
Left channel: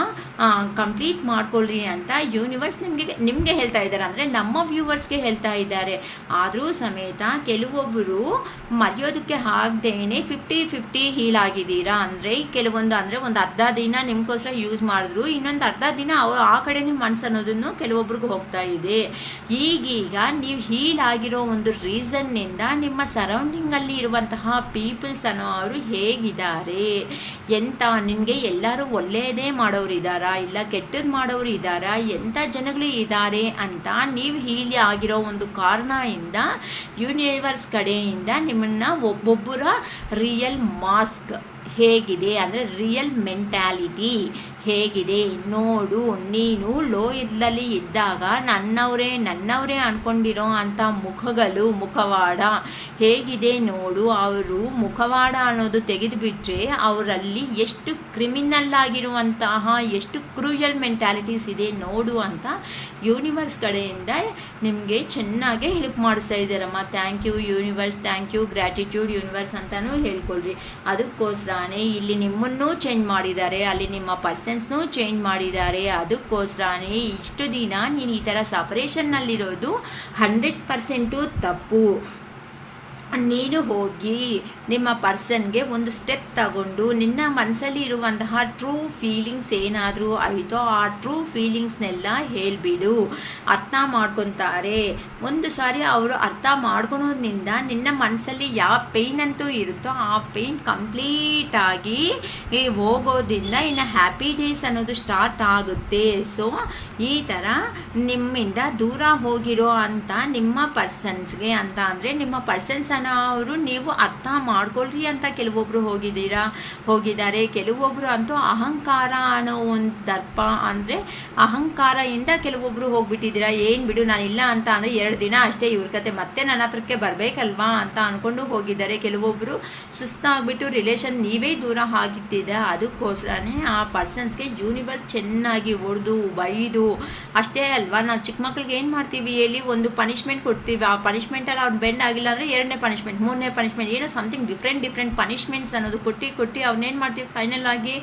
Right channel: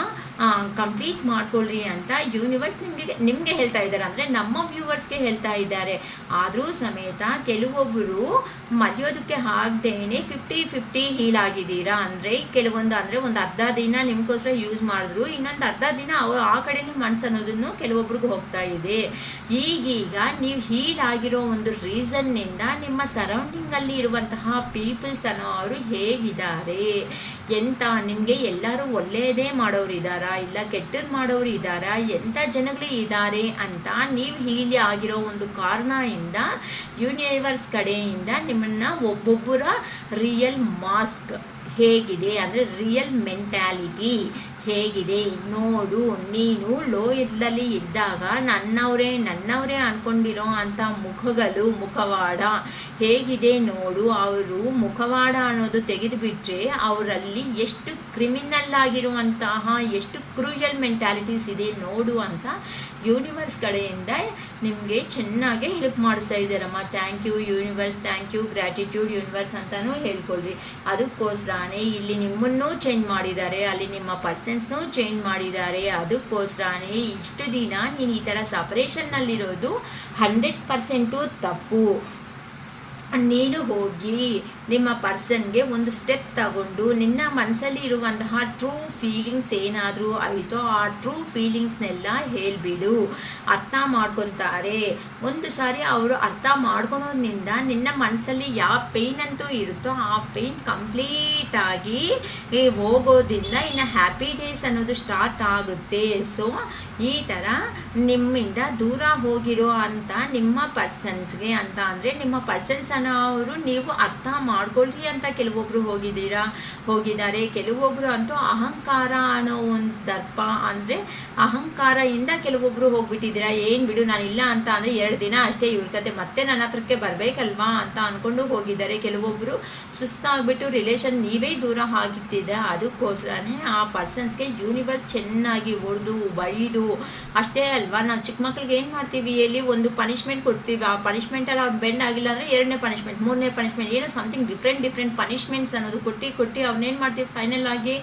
ಕಂಪ್ಲೀಟ್ ಮಾಡ್ಕೊಳ್ರಿ ಅಂತ ಯೂನಿವರ್ಸ್ ನಿಮಗೆ ಹೇಳ್ತಾ ಇದ್ದಾರೆ. ಅಂದರೆ ನಮ್ಮ ವ್ಯೂವರ್ಸ್ಗೆ ಹೇಳ್ತಾ ಇದ್ದಾರೆ. ಆದರೂ ಸಮೇತ ಕೆಲವೊಬ್ಬರು ಮರೆಯೋದಕ್ಕೆ ಆಗದೇನೆ 50-50 ಹೀಲ್ ಆಗಿದ್ದೀರಾ. ಅಂದರೆ ಕೆಲವೊಂದು ಅಂದರೆ ಒಂದು ಅರ್ಧ ದಿನ ನಿಮ್ಗೋಸ್ಕರ ಯೂಸ್ ಮಾಡಿದ್ರು, ಇನ್ನೊಂದು ಅರ್ಧ ದಿನ ಆ ಕಡೆನೇ ಮನಸ್ಸು ಅನ್ನೋದನ್ನು ಕೆಲವೊಬ್ರಿಗೂ ಹೋಗ್ತಾ ಇದೆ. ಈಗೀಗ ನೀವು ಹೀಲ್ ಆಗಿರೋ ಒಂದು ರೀಸನ್ನಿಂದ ನಿಮ್ಮ ಸರೌಂಡಿಂಗಲ್ಲಿ ಇರುವಂತಹ ಪೀಪಲ್ಸ್ ಅನ್ನೋ ಅವರು ಹೇಗಿದ್ದಾರೆ, ಎಂತ ನಿನಗೆ ಎಲ್ಲರೂ ಒಳ್ಳೆಯದೇ ಮಾಡೋರಿದ್ದಾರಾ ಇಲ್ಲ ಕೆಟ್ಟದ್ದು ಮಾಡೋರು ಇದ್ದಾರಾ, ಎಂಥ ಜನಗಳು ಇದ್ದಾರೆ ಅಂತ ನೀವು ಹೀಲ್ ಆಗಿರೋ ಒಂದು ಕಾರಣದಿಂದ ಯೂನಿವರ್ಸ್ ಕಡೆಯಿಂದ ನಿಮ್ಮನ್ನ ಒಬ್ಬೊಬ್ಬರ ರಿಯಲ್ ಮಾಸ್ಕ್ ಹೇಗಿದೆ ಅಂದರೆ ರಿಯಲ್ ಮೆಂಟ್ಯಾಲಿಟಿ ಹೇಗಿದೆ ನೋಡು. ನೀನು ಲೋ ಇದ್ದಲ್ಲಿ ಇದ್ದಾಗ ನನ್ನವರೇ ಅನ್ಕೊಂಡಿರೋ ಅಂಥ ಮುಖವಾಡ ಹೇಗಿದೆ ನೋಡು. ಅವರು ಮುಖವಾಡ ಅನ್ನೋದು ತೆಗೆದುಬಿಟ್ರೆ ಅವರಲ್ಲಿ ಎಷ್ಟು ಕ್ರಿಮಿನಲ್ ಆಗಿರುವಂತಹ ಎಷ್ಟು ಕ್ರೂಯಲ್ ಮೆಂಟ್ಯಾಲಿಟೀಸ್ ಇದೆ ನೋಡು ಅಂತ ಯೂನಿವರ್ಸ್ ಕಡೆಯಿಂದ ನಿಮಗೆ ಚೆನ್ನಾಗಿ ಹೆಲ್ಪ್ ಮಾಡಿಸ್ತಾ ಇದ್ದಾರಮ್ಮ. Thank you universe, thank you, gratitude universe ಅಂತಲೂ ಹೇಳ್ಕೊಳ್ರಿ. ಅದಕ್ಕೋಸ್ಕರನೇ ಇಲ್ಲಿ ನಿಮ್ಮನ್ನೂ ಚೇಂಜ್ ಮಾಡಿದ್ದಾರೆ, ಅಲ್ಲಿ ನಿಮ್ಮ ಪರ್ಸನ್ಸ್ನೂ ಚೇಂಜ್ ಮಾಡಿದ್ದಾರೆ. ಅದಕ್ಕೋಸ್ಕರನೇ ಇಷ್ಟು ದಿನ ನೀನು ಈ ಥರ ಸಪರೇಷನ್ನಲ್ಲಿರೋದು 100% ತಪ್ಪು. ನೀನು ಹೋಗಿ ನಿಮ್ಮ ಪರ್ಸನ್ಗೆ ಒಂದು ಸ್ಟೆಪ್ ತಗೊಂಡು ನಿನ್ನ ಮನಸ್ಸಲ್ಲಿ ಇರುವಂತಹ ಟ್ರೂ ಫೀಲಿಂಗ್ಸ್ ಏನಾದರೂ ಆಯಿತೋ ಆ ಟ್ರೂ ಫೀಲಿಂಗ್ಸ್ನೆಲ್ಲ ಹೇಳಿಬಿಡು. ಅರ್ಥ ಮಾಡ್ಕೊತಾರೆ. ಒಂದು ಸಾರಿ ಅವರು ಅರ್ಥ ಮಾಡ್ಕೊಳೋದ್ರಿಂದ ನಿನ್ನ ಮನಸ್ಸಲ್ಲಿ ಯಾವ ಪೇಯ್ನ್ ಅಂತೂ ಇರುತ್ತೋ ಆ ಪೇಯ್ನ್ ಕಂಪ್ಲೀಟಾಗಿ ಹೋಗೋದ್ರಿಂದ ಇನ್ನು ಹ್ಯಾಪಿ ಡೇಸ್ ಅನ್ನೋದು ಸ್ಟಾರ್ಟ್ ಆಗುತ್ತೆ. ಸೊ ಈ ಥರ ನಿಮ್ಮಿಂದ ದೂರ ಹೋಗಿರೋ ಅಂತ ನಿಮ್ಮ ಪರ್ಸನ್ಸ್ಗೆ ಅಂತ ಅಂದರೆ ನಿಮ್ಮ ಪರ್ಸನ್ಸ್ ಅವರು ನೀವು ಅರ್ಥ ಮಾಡ್ಕೊಳ್ರಿ ಅಂತ ಕೆಲವೊಬ್ರು ಹೋಗಿದ್ದಾರೆ. ಕೆಲವೊಬ್ರು ಅಂತೂ ಅಹಂಕಾರ ಅನ್ನೋ ಒಂದು ದರ್ಪ ಅಂದರೆ ಅಹಂಕಾರದಿಂದ ಕೆಲವೊಬ್ರು ಹೋಗ್ಬಿಟ್ಟಿದ್ದೀರಾ. ಏನು ಬಿಡು ನಾನು ಇಲ್ಲ ಅಂತ ಅಂದರೆ 2 ದಿನ ಅಷ್ಟೇ ಇವ್ರ ಕತೆ, ಮತ್ತೆ ನನ್ನ ಹತ್ರಕ್ಕೆ ಬರಬೇಕಲ್ವಾ ಅಂತ ಅಂದ್ಕೊಂಡು ಹೋಗಿದ್ದಾರೆ. ಕೆಲವೊಬ್ರು ಸುಸ್ತಾಗ್ಬಿಟ್ಟು ರಿಲೇಷನ್ ನೀವೇ ದೂರ ಆಗಿರ್ತಿದೆ. ಅದಕ್ಕೋಸ್ಕರನೇ ಆ ಪರ್ಸನ್ಸ್ಗೆ ಯೂನಿವರ್ಸ್ ಚೆನ್ನಾಗಿ ಹೊಡೆದು ಬೈದು ಅಷ್ಟೇ ಅಲ್ವಾ. ನಾವು ಚಿಕ್ಕ ಮಕ್ಳಿಗೆ ಏನು ಮಾಡ್ತೀವಿ ಹೇಳಿ, ಒಂದು ಪನಿಷ್ಮೆಂಟ್ ಕೊಡ್ತೀವಿ. ಆ ಪನಿಷ್ಮೆಂಟಲ್ಲಿ ಅವ್ರು ಬೆಂಡ್ ಆಗಿಲ್ಲ ಅಂದರೆ 2ನೇ ಪನಿಷ್ಮೆಂಟ್ 3ನೇ ಪನಿಷ್ಮೆಂಟ್ ಏನೋ ಸಮಥಿಂಗ್ ಡಿಫ್ರೆಂಟ್ ಪನಿಷ್ಮೆಂಟ್ಸ್ ಅನ್ನೋದು ಕೊಟ್ಟು ಅವನ್ನೇನು ಮಾಡ್ತೀವಿ ಫೈನಲ್ ಆಗಿ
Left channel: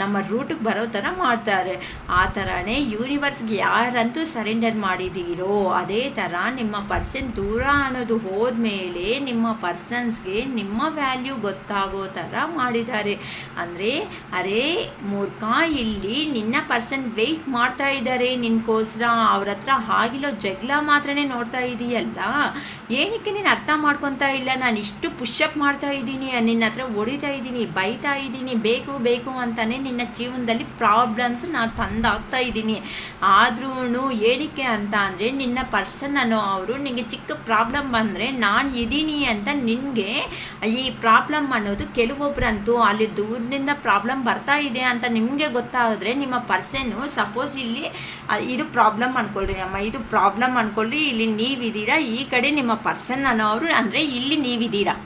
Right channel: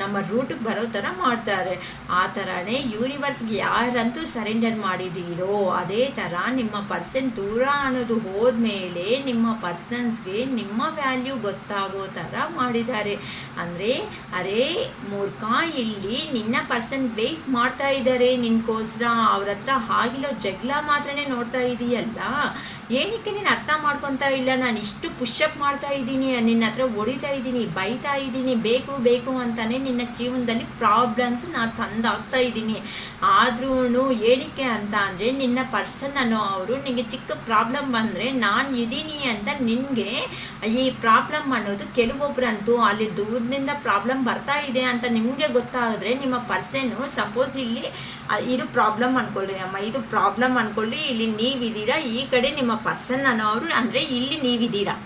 ನಮ್ಮ ರೂಟಿಗೆ ಬರೋ ಥರ ಮಾಡ್ತಾರೆ. ಆ ಥರನೇ ಯೂನಿವರ್ಸ್ಗೆ ಯಾರಂತೂ ಸರೆಂಡರ್ ಮಾಡಿದ್ದೀರೋ ಅದೇ ಥರ ನಿಮ್ಮ ಪರ್ಸನ್ ದೂರ ಅನ್ನೋದು ಹೋದ್ಮೇಲೆ ನಿಮ್ಮ ಪರ್ಸನ್ಸ್ಗೆ ನಿಮ್ಮ ವ್ಯಾಲ್ಯೂ ಗೊತ್ತಾಗೋ ಥರ ಮಾಡಿದ್ದಾರೆ. ಅಂದರೆ ಅರೇ ಮೂರ್ಖ, ಇಲ್ಲಿ ನಿನ್ನ ಪರ್ಸನ್ ವೆಯ್ಟ್ ಮಾಡ್ತಾ ಇದ್ದಾರೆ ನಿನ್ಗೋಸ್ಕರ. ಅವ್ರ ಹತ್ರ ಆಗಿರೋ ಜಗಳ ಮಾತ್ರನೇ ನೋಡ್ತಾ ಇದೀಯಲ್ಲ, ಏನಕ್ಕೆ ನೀನು ಅರ್ಥ ಮಾಡ್ಕೊತಾ ಇಲ್ಲ, ನಾನು ಇಷ್ಟು ಪುಷಪ್ ಮಾಡ್ತಾ ಇದ್ದೀನಿ, ನಿನ್ನ ಹತ್ರ ಹೊಡಿತಾ ಇದ್ದೀನಿ, ಬೈತಾ ಇದ್ದೀನಿ, ಬೇಕು ಬೇಕು ಅಂತಾನೆ ನಿನ್ನ ಜೀವನದಲ್ಲಿ ಪ್ರಾಬ್ಲಮ್ಸ್ ನಾನು ತಂದಾಗ್ತಾ ಇದ್ದೀನಿ. ಆದ್ರೂ ಏನಕ್ಕೆ ಅಂತ ಅಂದರೆ ನಿನ್ನ ಪರ್ಸನ್ ಅನ್ನೋ ಅವರು ನಿನಗೆ ಚಿಕ್ಕ ಪ್ರಾಬ್ಲಮ್ ಬಂದರೆ ನಾನು ಇದ್ದೀನಿ ಅಂತ ನಿನಗೆ ಈ ಪ್ರಾಬ್ಲಮ್ ಅನ್ನೋದು ಕೆಲವೊಬ್ಬರಂತೂ ಅಲ್ಲಿ ದೂರದಿಂದ ಪ್ರಾಬ್ಲಮ್ ಬರ್ತಾ ಇದೆ ಅಂತ ನಿಮಗೆ ಗೊತ್ತಾಗಿದ್ರೆ ನಿಮ್ಮ ಪರ್ಸನ್ನು ಸಪೋಸ್ ಇಲ್ಲಿ ಇದು ಪ್ರಾಬ್ಲಮ್ ಅನ್ಕೊಳ್ಳಿ ಅಮ್ಮ, ಇದು ಪ್ರಾಬ್ಲಮ್ ಅನ್ಕೊಳ್ಳಿ, ಇಲ್ಲಿ ನೀವಿದ್ದೀರಾ, ಈ ಕಡೆ ನಿಮ್ಮ ಪರ್ಸನ್ ಅನ್ನೋರು ಅಂದರೆ ಇಲ್ಲಿ ನೀವಿದ್ದೀರಾ,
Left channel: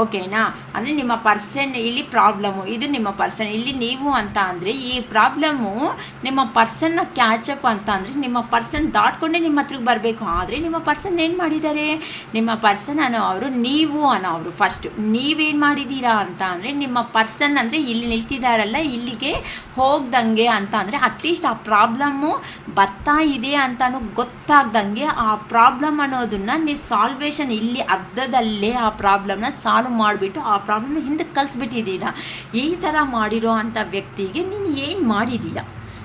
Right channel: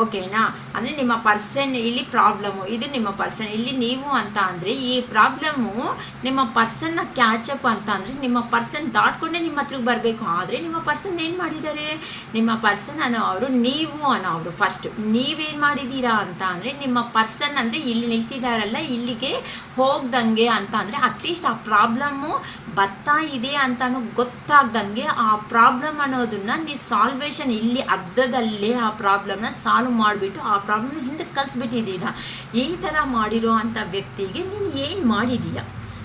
ಓಕೆನಾ? ಅಂದರೆ ನಿಮ್ಮ ಪರ್ಸನ್ ಇಲ್ಲಿ ಪ್ರಾಬ್ಲಮ್ಮು, ಇದು ನಿಮ್ಮ ಪರ್ಸನ್ ಇಲ್ಲಿ ನೀವು ಅಂತ ಅಂದರೆ ಈ ಪ್ರಾಬ್ಲಮ್ಮು ನಿಮ್ಮ ಪರ್ಸನ್ನ ಕ್ಯಾಚಪ್ ಅಂತ ಅಂದರೆ ನಿಮ್ಮ ಪರ್ಸನ್ ದಾಟ್ಕೊಂಡೇ ನಿಮ್ಮ ಹತ್ರಕ್ಕೆ ಬರಬೇಕು. ಆದರೆ ನಿಮ್ಮ ಪರ್ಸನ್ ಏನು ಮಾಡಿದ್ದಾರೆ, ನಿಮ್ಮ ಪರ್ಸನ್ ಅನ್ನೋ ಅವರು ನೀವು ಅನ್ನೋ ಅವರು ಫಸ್ಟ್ ನೀವೇನು ಮಾಡಿದ್ದೀರಾ ಅಂತ ಅಂದರೆ ನಿಮ್ಮ ಪರ್ಸನ್ ಅಂದರೆ ಇಲ್ಲಿ ನಿಲ್ತಿದ್ದಾರಲ್ಲ ಇಲ್ಲಿಗೆ ಹೋಗ್ದಂಗೆ ಅಂತ ಅಂದರೆ ಅಟ್ಲೀಸ್ಟ್ ಆ ಪ್ರಾಬ್ಲಮ್ಮು ಬರ್ತಾ ಇದೆ ಅಂತಾನು ಗೊತ್ತಾಗ್ದಂಗೆ ಆ ಪ್ರಾಬ್ಲಮ್ ಅನ್ನೋದನ್ನ ನೀವು ಸಾಲ್ವೇಷನ್ ಇಲ್ಲಿ ಅರ್ಧದಲ್ಲೇ ಆ ಪ್ರಾಬ್ಲಮ್ನ ಸಾಲ್ವ್ ಮಾಡಿಬಿಟ್ಟು ಆ ಪ್ರಾಬ್ಲಮ್ನ ಹಿಂದಕ್ಕೆ ಕಲಿಸ್ಬಿಟ್ಟಿದ್ದೀರಾ. ಈ ಥರ ಮಾಡಿರೋ ಅಂಥ ವ್ಯಕ್ತಿಗೆ ನೀನು ಏನು ಮಾಡಿದ್ದೀರಾ,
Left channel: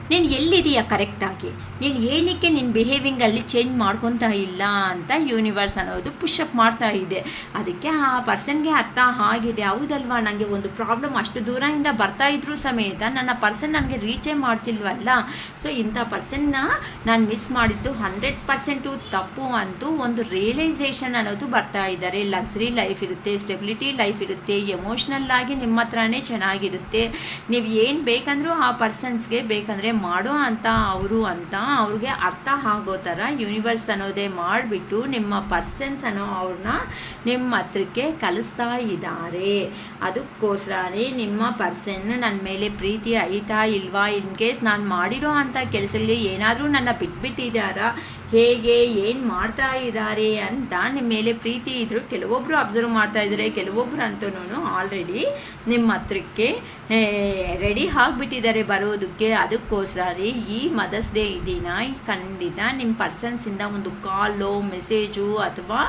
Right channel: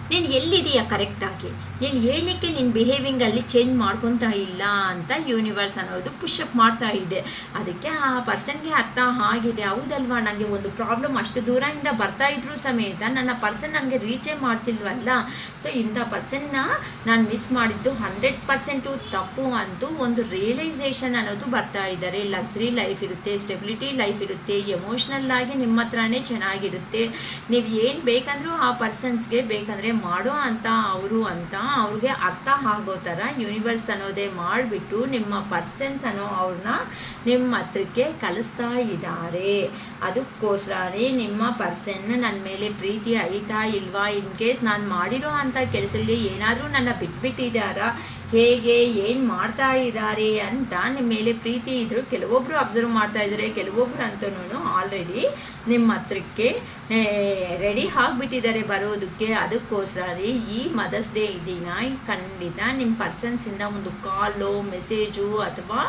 ನೀನು ಎಲ್ಲಿದೆಯಾ ಕರೆಕ್ಟಾಗಿ, ನೀನು ಏನಕ್ಕೆ ನಿನ್ನ ಬಿಹೇವಿಂಗಲ್ಲಿ ಚೇಂಜ್ ಮಾಡ್ಕೊತಾ ಇಲ್ಲ ಅಂತ ಯೂನಿವರ್ಸ್ ಅನ್ನೋದು ಪುಷಪ್ ಮಾಡ್ತಾ ಇದೆ. ಅದಕ್ಕೆ ಆ ಪರ್ಸನ್ಗೆ ಅರ್ಥ ಆಗಿದೆ, ಹೌದಲ್ವಾ ನನಗೆ ಒಂದು ಪ್ರಾಬ್ಲಮ್ ಅಷ್ಟು ದೂರದಿಂದ ಬರ್ತಾ ಇದ್ರೂ ಸಮೇತ ನನ್ನ ಪರ್ಸನ್ ನನಗೆ ರೀಚೇ ಮಾಡಿಸಿಲ್ವಲ್ಲ, ಸೊ ಇಂಥ ಪರ್ಸನ್ನ ನಾನು ಮಿಸ್ ಮಾಡಿದ್ದು 100% ತಪ್ಪು ಅಂತೂ ಒಂದು ರಿಯಲೈಸೇಷನ್ ಅನ್ನೋದು ಬರ್ತಾ ಇದ್ದಾರೆ. ಲಕ್ಸರಿ ಲೈಫ್ ಇರುತ್ತೆ, ಸ್ಟೆಬಿಲಿಟಿ ಲೈಫ್ ಇರುತ್ತೆ, ಎಮೋಷ್ನಲ್ ಆಗಿ ನಿಮ್ಮ ಹತ್ರನೇ ಚೆನ್ನಾಗಿರುತ್ತೆ, ನೀವು ಏನು ಬೇಕಂದ್ರೂ ಆ ಪರ್ಸನ್ಸ್ಗೆ ಬೇಕಂದರೆ ಮಾಡೋ ಅಂತ ಅವರು ಅಂತ ಅವ್ರಿಗೆ ಅರ್ಥ ಆಗೋ ಥರ ಯೂನಿವರ್ಸ್ ಅನ್ನೋದೇ ಮಾಡಿಬಿಟ್ಟು ನಿಮ್ಮ ಪರ್ಸನ್ಸ್ ಅನ್ನೋ ಅವ್ರನ್ನ ನಿಮ್ಮ ಹತ್ರಕ್ಕೆ ಕಲಿಸ್ತಾ ಇದ್ದಾರೆ. ಅದಕ್ಕೋಸ್ಕರನೇ ನಿಮ್ಮ ಪರ್ಸನ್ ನನ್ನ ಮೇಲೆ ಪ್ರೀತಿ ಐತಾ ಇಲ್ವಾ, ಇನ್ ಕೇಸ್ ನಾನು ಮಾಡಿರೋ ಅಂಥ ಕೆಲಸದಲ್ಲಿ ಏನಾದರೂ ನನ್ನ ಬಿಟ್ಬಿಟ್ಟಿದ್ದಾರಾ, ಹೇಗೆ ಏನು ಮಾಡ್ತಾ ಇದ್ದಾರೆ ಅಂತ ನಿಮ್ಮ ಮೇಲೆ ಪ್ರೀತಿ ಇದ್ದರೂ ಕೆಲವೊಬ್ಬರು ಅಬ್ಸರ್ವ್ ಮಾಡ್ತಾ ಇದ್ದಾರೆ, ಕೆಲವೊಬ್ಬರು ಅಂತೂ ಆಲ್ರೆಡಿ ನಿಮ್ಮ ಹತ್ರಕ್ಕೆ ರೆಡಿ ಆಗಿಬಿಟ್ಟಿದ್ದಾರೆ ಬರೋದಕ್ಕೆ. ಅದಕ್ಕೋಸ್ಕರ ಈ ಮದರ್ಸ್ ಡೇ ದಿನ ಖಂಡಿತ ನಿಮ್ಮ ಪರ್ಸನ್ಸಿಂದ ಒಂದು ಕಾಲು ಮೆಸೇಜು ಅಥವಾ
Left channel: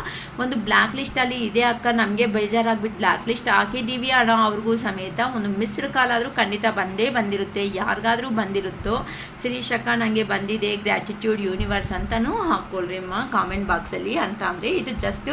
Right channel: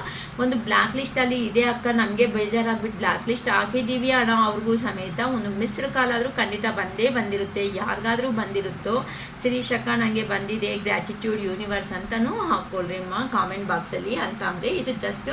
ಒಂದು ಬ್ಲ್ಯಾಕ್ ಲಿಸ್ಟಲ್ಲಿ ಇದೆ ಅಕ್ಕ ನಮಗೆ ಬೇಜಾರಾಗ್ಬಿಟ್ಟು ಬ್ಲ್ಯಾಕ್ ಲಿಸ್ಟ್ ಹಾಕಿದ್ದೀವಿ ಅನ್ನೋ ಅವ್ರಿಗೂ ಸಮೇತ ಒಂದು ಮಿಸ್ಡ್ ಕಾಲ್ ಆದರೂ ಖಂಡಿತ ಬಂದೇ ಬಂದಿರುತ್ತೆ, ಯಾರಿಗಾದ್ರೂ ಬಂದಿರುತ್ತೋ. ಶಿರೀಶ್ ಅಕ್ಕ ನನಗೆ ಬಂದಿದೆ, ಗ್ರ್ಯಾಟಿಟ್ಯೂಡ್ ಯೂನಿವರ್ಸ್ ಅಂತಲೂ ಹಾಕ್ಕೊಳ್ರಿ ಅಮ್ಮ ಕಾಮೆಂಟ್ ಬಾಕ್ಸಲ್ಲಿ. ಅಂತ ಅಂದರೆ ಇದು ಜಸ್ಟ್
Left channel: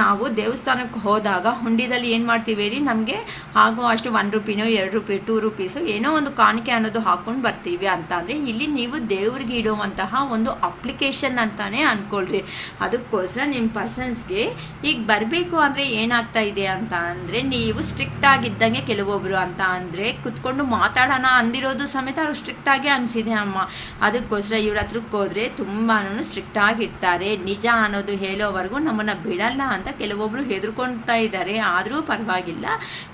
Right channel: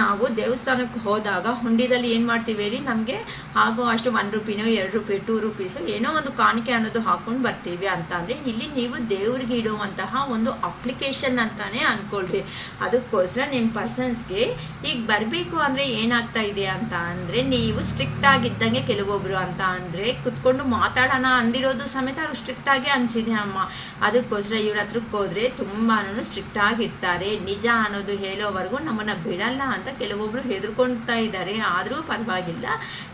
ನಾವು ದೇವಸ್ಥಾನಕ್ಕೆ ಹೋದಾಗ ಹುಂಡಿದಲ್ಲಿ ಏನು ಮಾಡ್ತೀವಿ ರೀ, ನಮಗೆ ಆಗೋ ಅಷ್ಟು 1 ರೂಪಾಯಿನೋ 2 ರೂಪಾಯಿ 2 ರೂಪೀಸು ಏನೋ ಒಂದು ಕಾಣಿಕೆ ಅನ್ನೋದು ಹಾಕ್ಕೊಂಡು ಬರ್ತೀವಿ. ಅಂತ ಅಂದರೆ ಇಲ್ಲಿ ನೀವು ದೇವ್ರಿಗೆ ಇಡುವಂತಹ ಒಂದು ಅಪ್ಲಿಕೇಶನ್ ಅಂತಾನೆ ಅಂದ್ಕೊಳ್ರಿ. ಅದಕ್ಕೋಸ್ಕರ ನಿಮ್ಮ ಪರ್ಸನ್ಸ್ಗೆ ಈಗ ಬರಬೇಕು ಅಂದರೆ ಏನಾಗ್ತಾ ಇದೆ ಅಂತ ಅಂದರೆ ನೀವು ಸ್ಟ್ರಿಕ್ಟ್ ಆಗಿದ್ದಂಗೆ ಕೆಲವೊಬ್ಬರು ಅಂತ ಅಂದರೆ ಕುತ್ಕೊಂಡು ಮಾತಾಡೋಣ ಅಂದಿರೋದು ಸಮೇತ ಅವ್ರು ಸ್ಟ್ರಿಕ್ಟ್ ಆಗಿ ಅನಿಸಿದೆ ಅಮ್ಮ. ಅದಕ್ಕೋಸ್ಕರ ಇವ್ರ ಹತ್ರಕ್ಕೆ ಹೋದರೆ ತುಂಬಾ ಸ್ಟ್ರಿಕ್ಟ್ ಆಗಿರ್ತಾರೆ, ನಿಜ ಅನ್ನೋದು ಹೇಳೋವರೆಗೂ ನಮ್ಮನ್ನು ಬಿಡಲ್ಲ ಅಂತ ಕೆಲವೊಬ್ಬರು ಹೆದರ್ಕೊಳ್ತಾ ಇದ್ದಾರೆ. ಆದರೂ ಪರವಾಗಿಲ್ಲ,